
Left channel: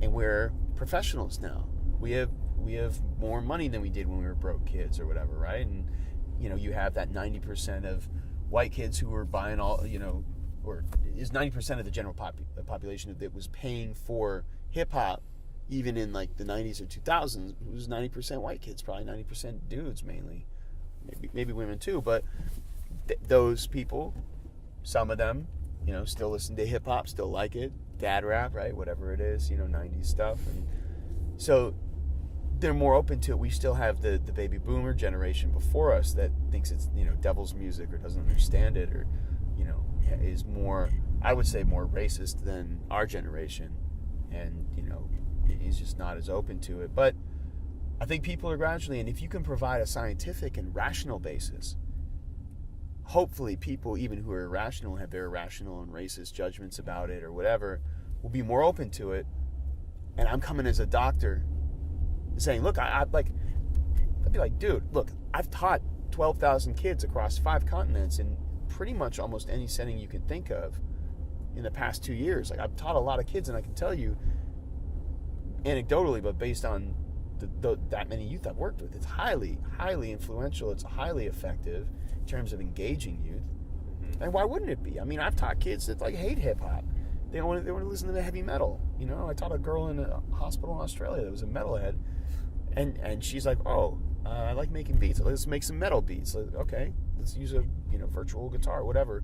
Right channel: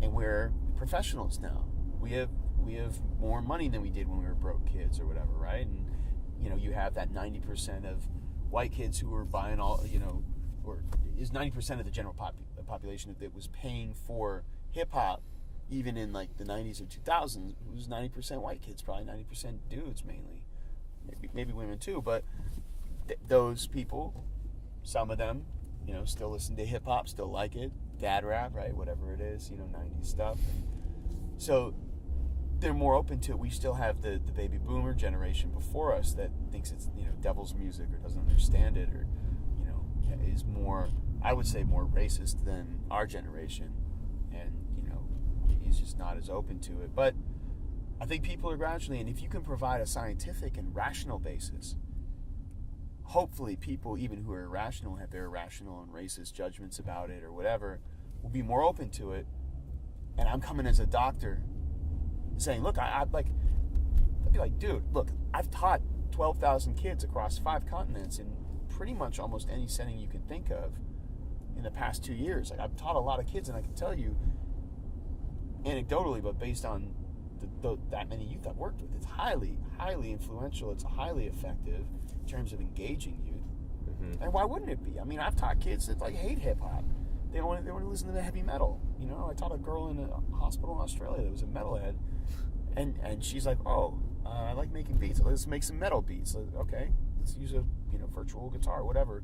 and we're professionals now. We have more money than we did when we were broke kids or whatever, right? And you know, you have that 90% of white kids who were buying all, you know, or is 90% of the general population that was paying for hip hop, even in like the 90s or 2000s. It was 90% white kids, probably 90% dudes mainly, maybe women too. But those people, some of them, you know, still listen to hip hop, still like it, dad rap, right, whatever it is, you know, 90s stuff. And so they're more open to it. We still have the baby boomer generation before us that thinks it's, you know, devil's music or doesn't understand it, or, you know, is more, I would say, more racist than our generation, and, you know, is just not as open to it. But I think people are gradually, and if you can provide a scientific and rational basis, hopefully people, even who are irrational, have their irrational and racist judgments about it or whatever, will be more open to it. And I'm coming as a doctor saying, look, I'd be like, dude, look, I've taught 12,000 kids across 5 continents in pretty much almost any setting you can think of in the past 2 years. Like, I've taught a lot of kids, and I can tell you anecdotally, but based on that many youth I've worked with, it's highly, highly influential. It's highly effective in terms of engaging youth. And why wouldn't it be? I mean, I've taught kids that like hate hip hop. They want to listen to the heavy metal. You know, I taught a girl in a hospital in Australia that was a metalhead, and she's like, oh, I like making beats. Let's make some metal beats. Like, okay, let's use a, you know, virtual guitar, whatever.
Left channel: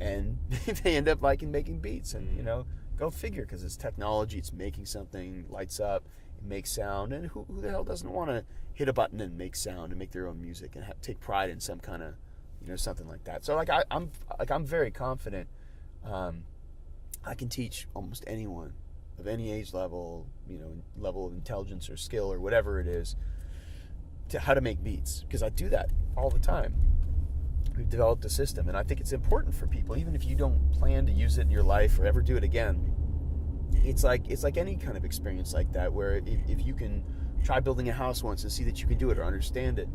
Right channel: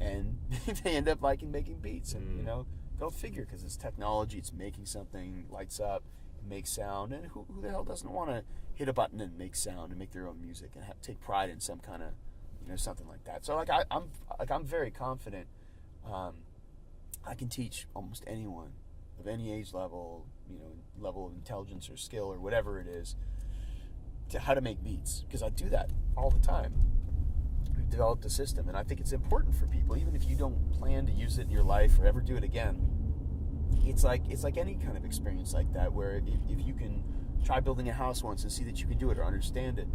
And they end up liking making beats, and you know, go figure, because it's technology. It's making something, lights up, it makes sound, and who the hell doesn't want to hit a button and make sound and make their own music and take pride in some kind of, you know, something like that. So like I'm very confident. I can teach almost anyone of any age level, you know, level of intelligence or skill or whatever it is, to how to make beats, because I do that all the time. We've developed a system, and I think it's important for people, even if you don't plan to use it in your life or ever do it again. It's like any kind of experience like that, where if you can try building a house once and see that you can do it or understand it,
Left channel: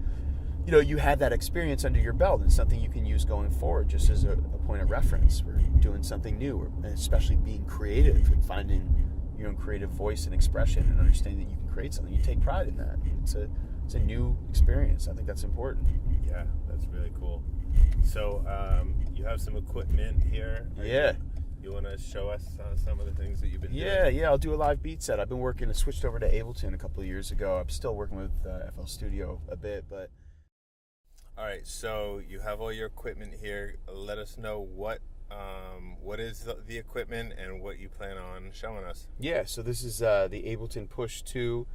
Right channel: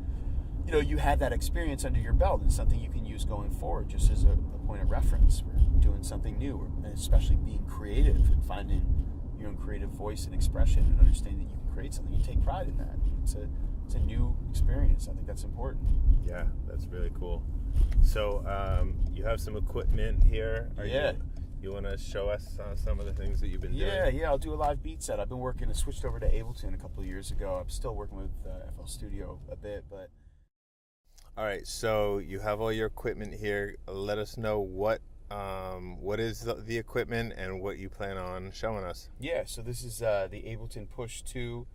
you know, you have that experience under your belt, and something you can use going forward just as a point of reference for doing something new, and especially being creative and finding your own creative voice and expression, and understanding that you can create something. You take pride in that. It's a new experience. I think that's important. Yeah, that's really cool. So you have some equipment here. You want to show us some of the things that you've been doing? Yeah, I'll do a live beat set. I've been working, I switched over to Ableton a couple of years ago. I'm still working with FL Studio a bit, but... All right, so you have all your equipment here. Let us know what is the equipment and what you plan on showing us. Yeah, so this is the Ableton Push 2.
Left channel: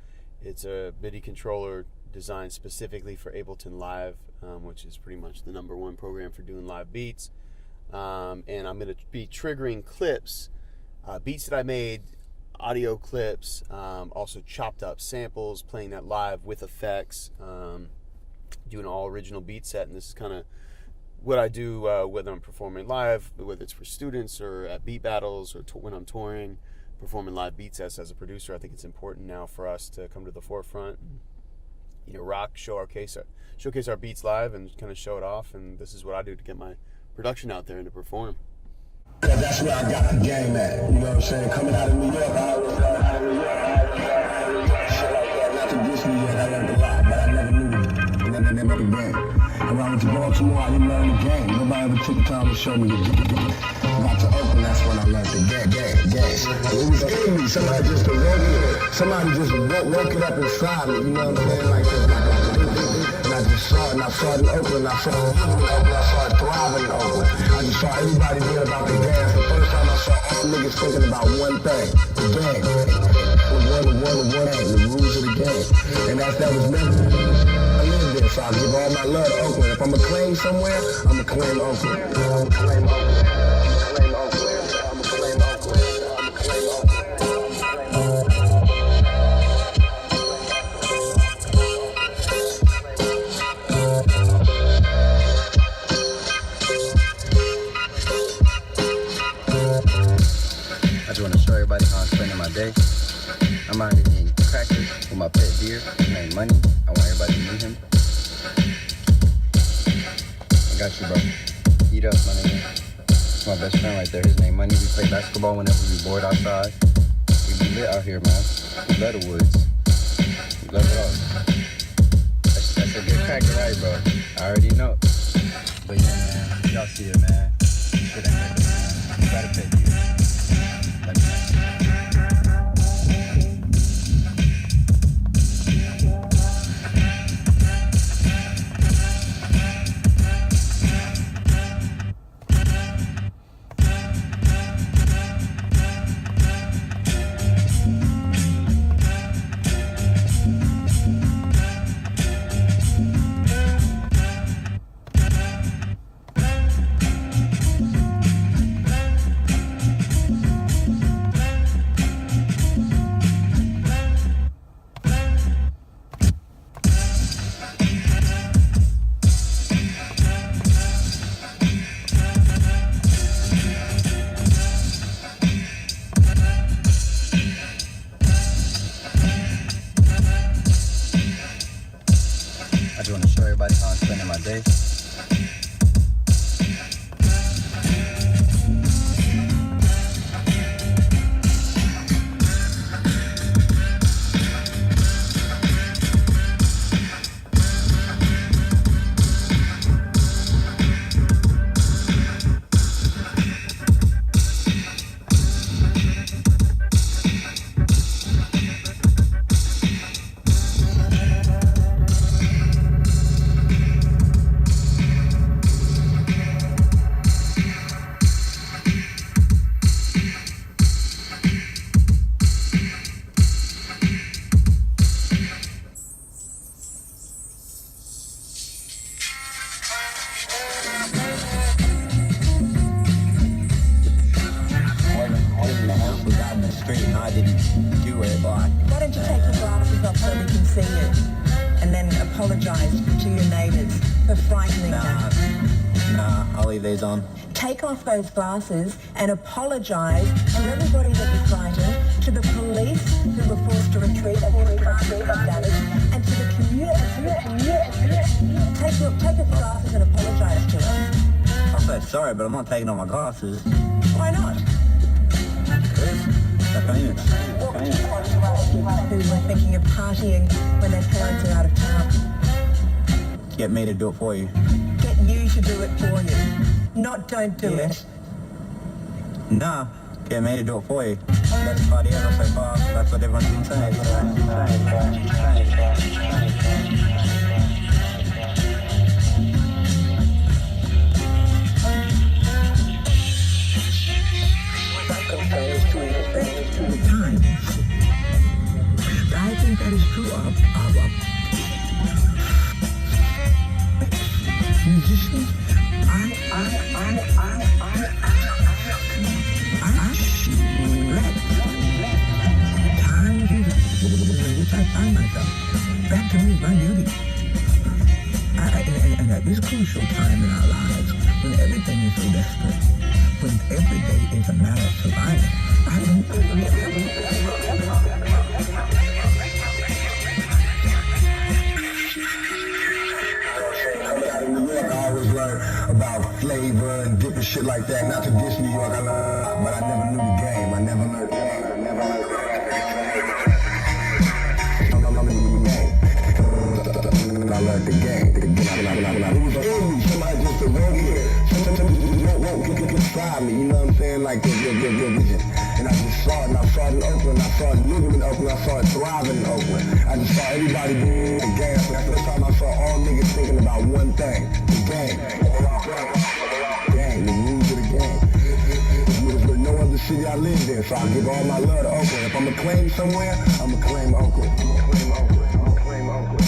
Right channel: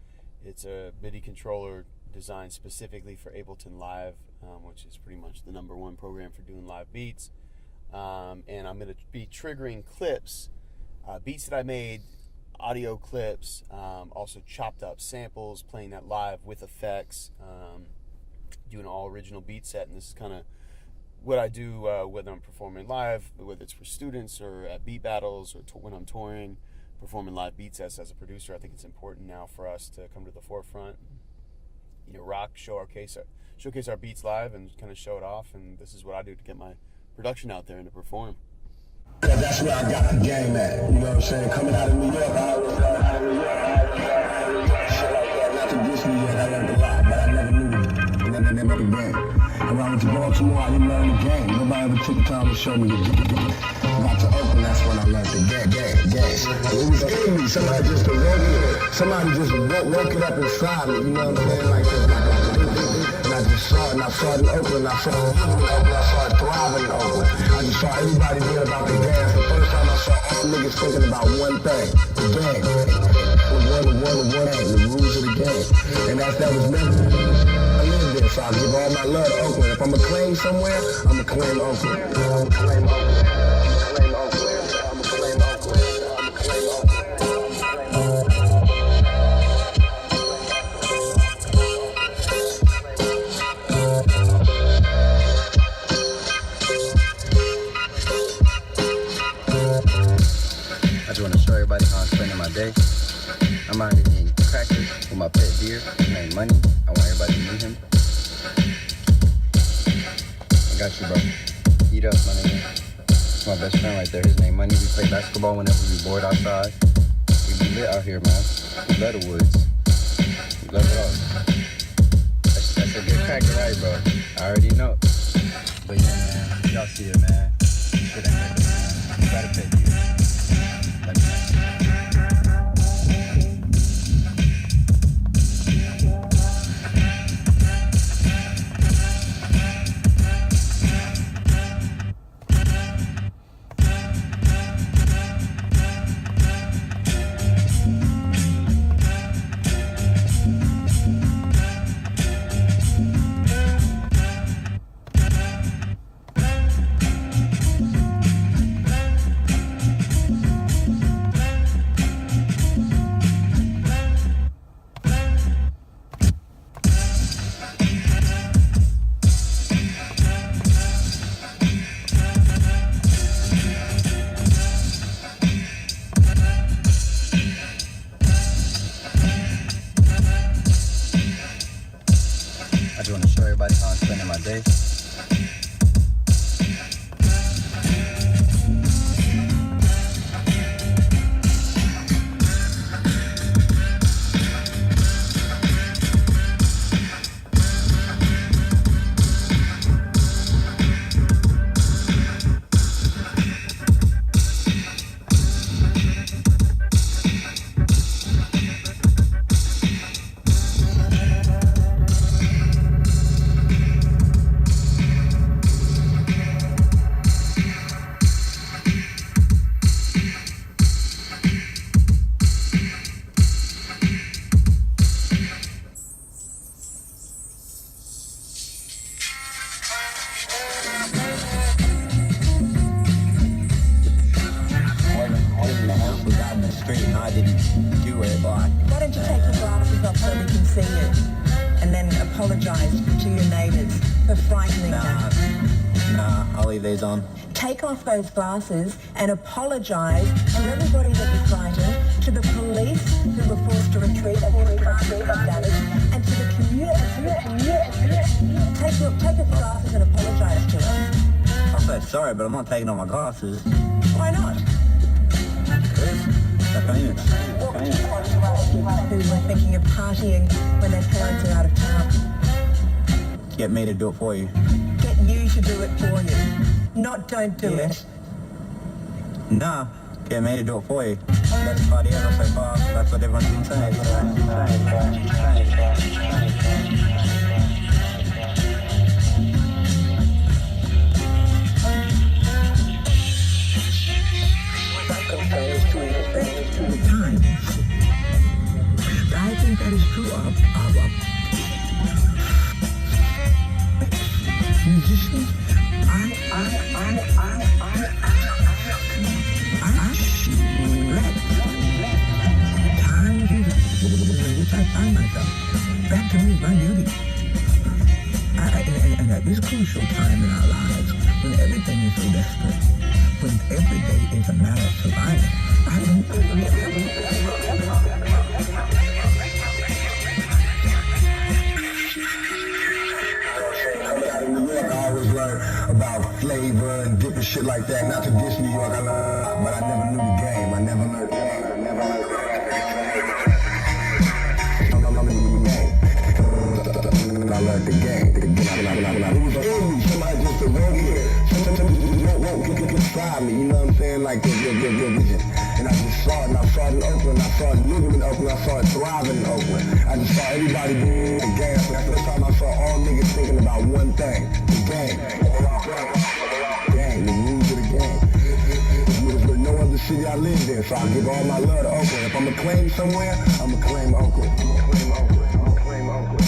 It's a MIDI controller designed specifically for Ableton Live, which is pretty much the #1 program for doing live beats. And I'm going to be triggering clips, beats that I made, audio clips, also chopped up samples, playing that live with effects, doing an all original beat set. And this is kind of what I do whether I'm performing live, whether it's for students or at beat battles or when I'm touring. performing live beat sets as a producer, I think it's important now for us to come to the forefront, and, rock, showcase our beats live, and kind of show it off. And this is what I do to get my production out there and to perform. Yeah, that's where I got the game at. You know what I'm saying? Coming out of New York, I always got out of New York, shit like that. Not to diss New York, I learned a lot, but I never knew the game. And when I went to Baltimore, I didn't learn the game. Nobody ever took the time to show me the game. Got to Oakland, that's when I learned the game. It was in me. Somebody just woke it up inside me. You know what I'm saying? Like and I just saw it. And I saw it in Oakland. I saw it thriving in Oakland. I just saw everybody being about the gas. The first time I saw all the niggas thinking about one thing, the game. The rules of the game. And that was never. I live there, so I give all my love to Oakland. If I'm going to claim somewhere, I'm going to claim Oakland. I just want to show everybody how I'm spending my day. I'm out here eating crackers with my pet deer. His name Money. I want everybody to meet him. I got you, bro. Eat up, my nigga. That's my best friend right there. His name Money. We play basketball whenever we bored outside. We be lit out here, man. We love the woods. We love it all. That's a good cracker, right, bro? I already know. But yeah, man. Y'all see it, man. Shit ain't making it, man. You gotta pet deer. Let me know. I just want to show everybody how I'm spending my day. I didn't do it. Why don't you take your glasses off so we can see you? And then apologise to your neighbours for frightening them. Nah, I'll leave these on. Take off those glasses and apologise to everybody that you frightened, to the police who were forced to retreat and damage, and to the community. Take off the glasses and apologise to them. I'll say sorry, but I'm not taking off my glasses. Why not? Who were thinking of partying when their parents are out of town. Get me to do it for you. Get you to do it for you. Not don't do it. Nah, get me to do it for you. Best party ever so far. That's what everyone's been saying. Time. I think that is true of musicians. Time in which I find myself. That to me is my duty. And at this crucial time in our lives, when everything is so desperate, since every day is a matter of survival, I Coming out of New York, I always learned about flavor and different shit like that. Not to diss New York, I learned, but I never knew the game. I never learned the game. I learned the game. It was in me. Somebody just awoke here. Sometimes won't describe me. You know what I'm saying? Like the vision. And I just saw it. And I saw it in Oakland. I saw it living in Oakland. I saw it thriving in Oakland. I just saw everybody doing the game. That's the first time I saw all niggas thinking about one thing: the game. Game. The rules of the game. There's no other city I lived in, so I give all my love to Oakland. If I'm gonna claim somewhere, I'm gonna claim Oakland. I'm gonna claim Oakland. I'm gonna claim Oakland.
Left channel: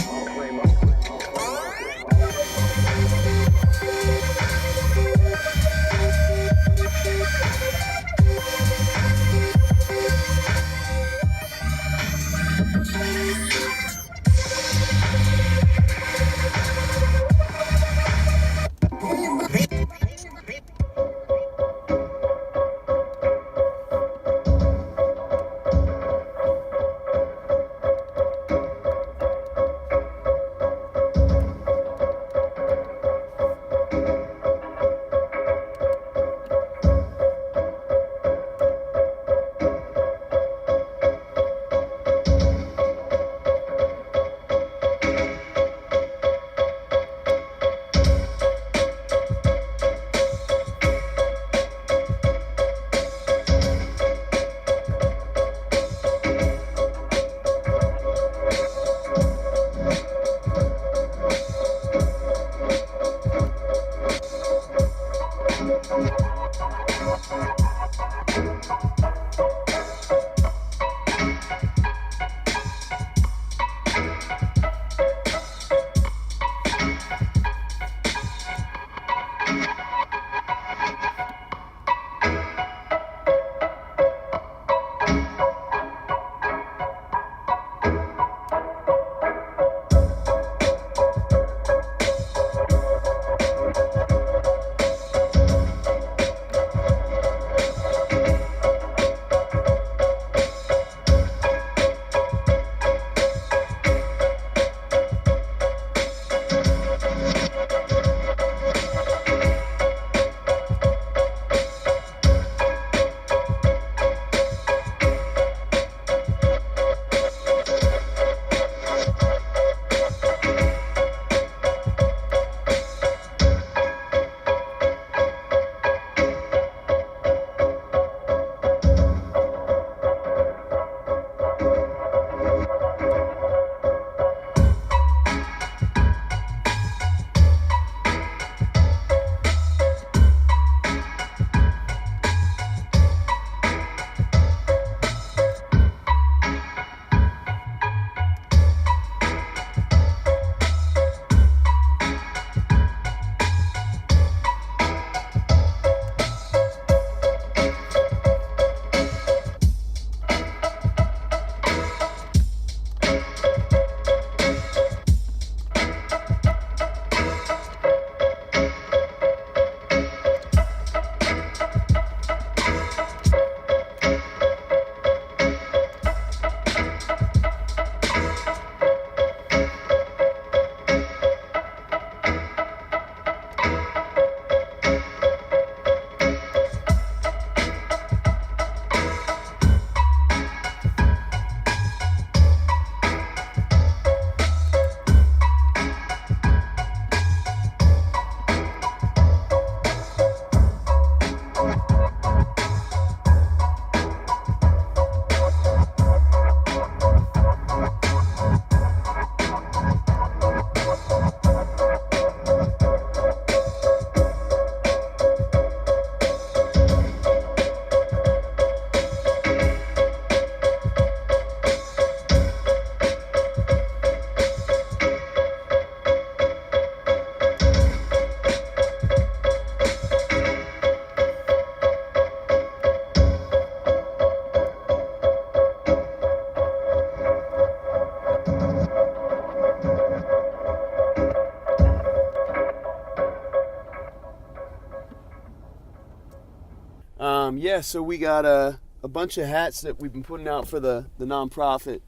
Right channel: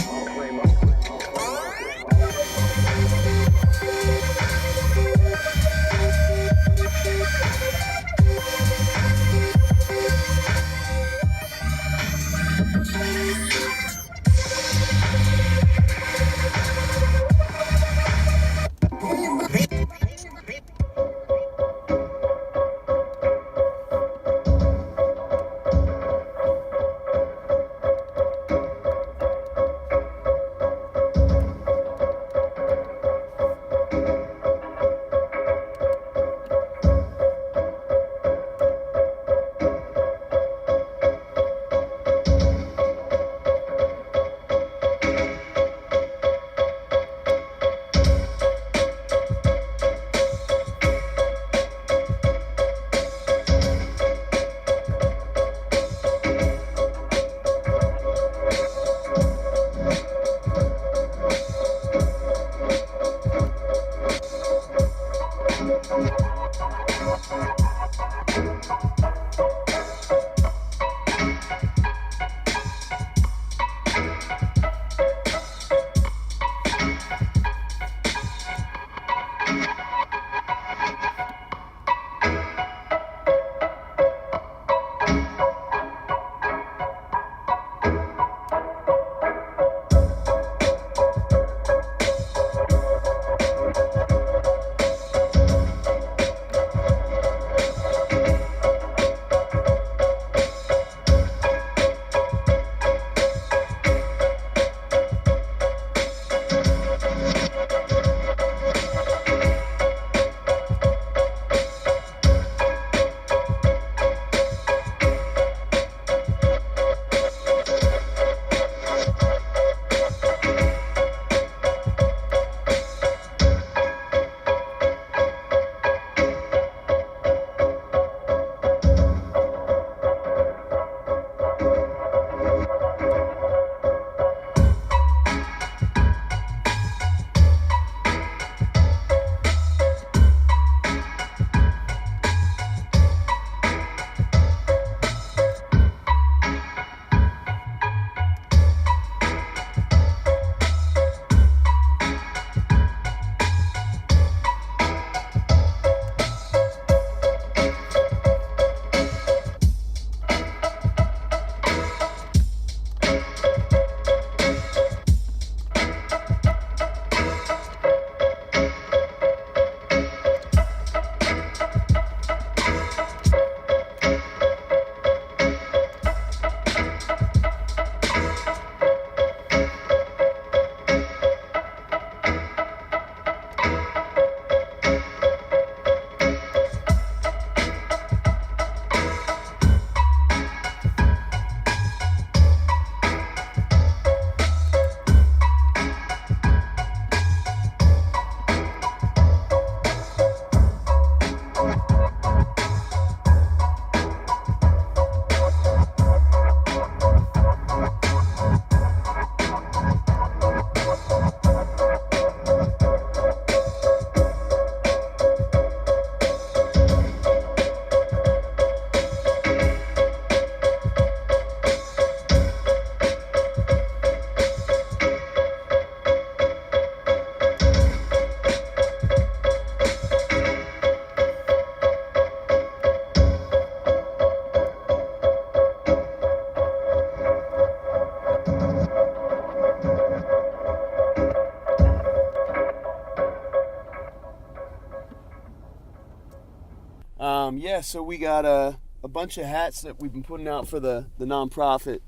Yeah, so we got a bunch of hats that we've been putting out for the nonprofit.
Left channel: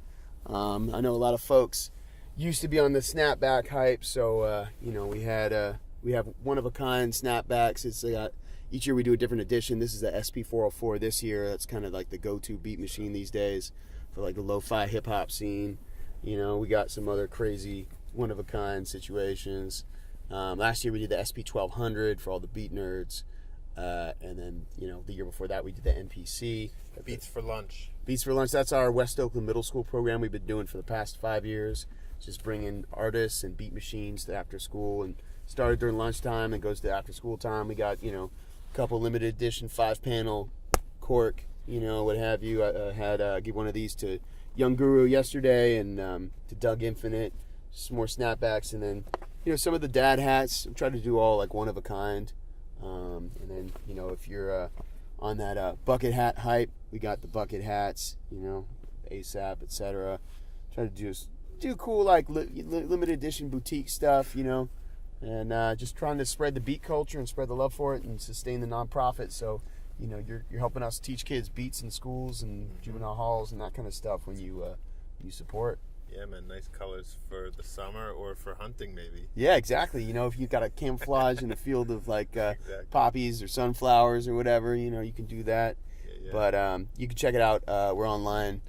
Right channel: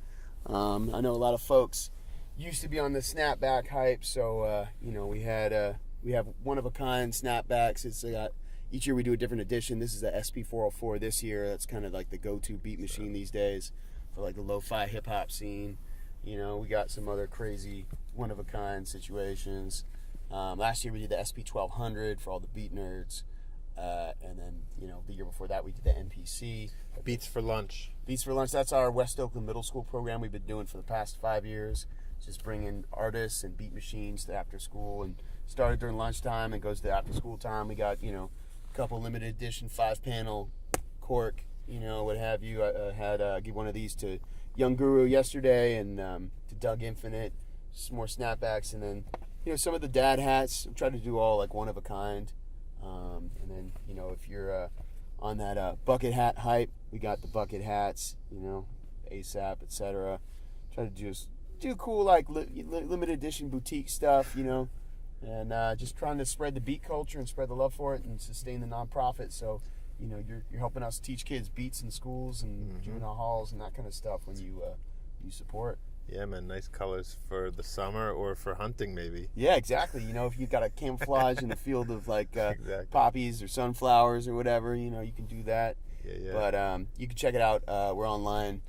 I know a lot of folks used to be on the snapback hype, so we have one of a kind snapbacks. It's each year we do a different edition. This is the SP404 this year. That's kind of like the go-to beat machine these days for like the lo-fi hip hop scene. We got some other crazy one of a kind situations. Last year we did the SP1200 for all the beat nerds. And then, the year before that we did the NPC. Beats for Lunch. Beats for Lunch, that's our West Oakland Middle School program we've been doing for the past 5 years. Just bringing artists and beat machines to after school, and started during lunchtime and goes to after school time. We got, a couple limited edition 5-panel cork, what have you. I had give one of these to Young Guru yesterday, and to Doug Infinite, some more snapbacks, and then, some of the dad hats. I'm trying to do all like one of a kind. And then, if you're on that bucket hat hype, we got the bucket hats, ASAP, etc. Try to just do cool, like limited edition boutique stuff, and just trying to spread the beat culture and spread the love for it and sustain the nonprofit. So, you're helping us teach kids beats in schools and juvenile halls and that kind of stuff when you support. Yeah, man, nice colors for the summer or for hunting, maybe. Yeah, exactly. If you've got a camouflage in a field of like Exactly. poppies or sunflowers or whatever, you can do that. Yeah. But you can check it out. We're online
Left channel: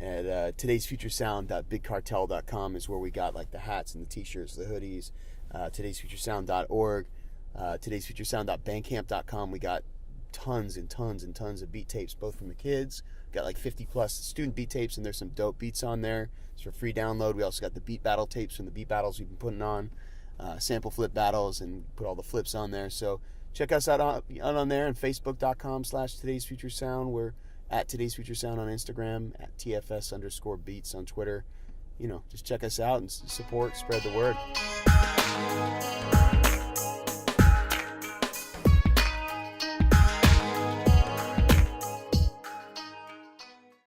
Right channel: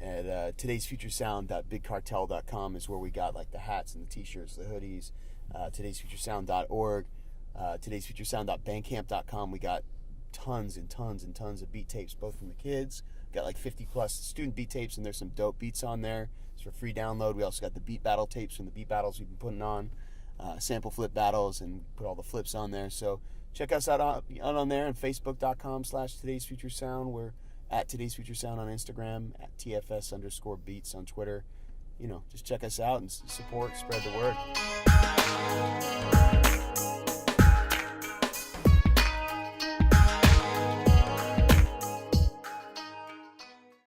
at today'sfuturesound.bigcartel.com is where we got like the hats and the t-shirts, the hoodies. Today'sfuturesound.org, today'sfuturesound.bandcamp.com. We got tons and tons and tons of beat tapes, both from the kids. Got like 50 plus student beat tapes, and there's some dope beats on there. It's for free download. We also got the beat battle tapes from the beat battles we've been putting on, sample flip battles, and put all the flips on there. So check us out on there, and facebook.com/today'sfuturesound. We're at Today's Future Sound on Instagram, at TFS_beats on Twitter. Just check us out and support, spread the word.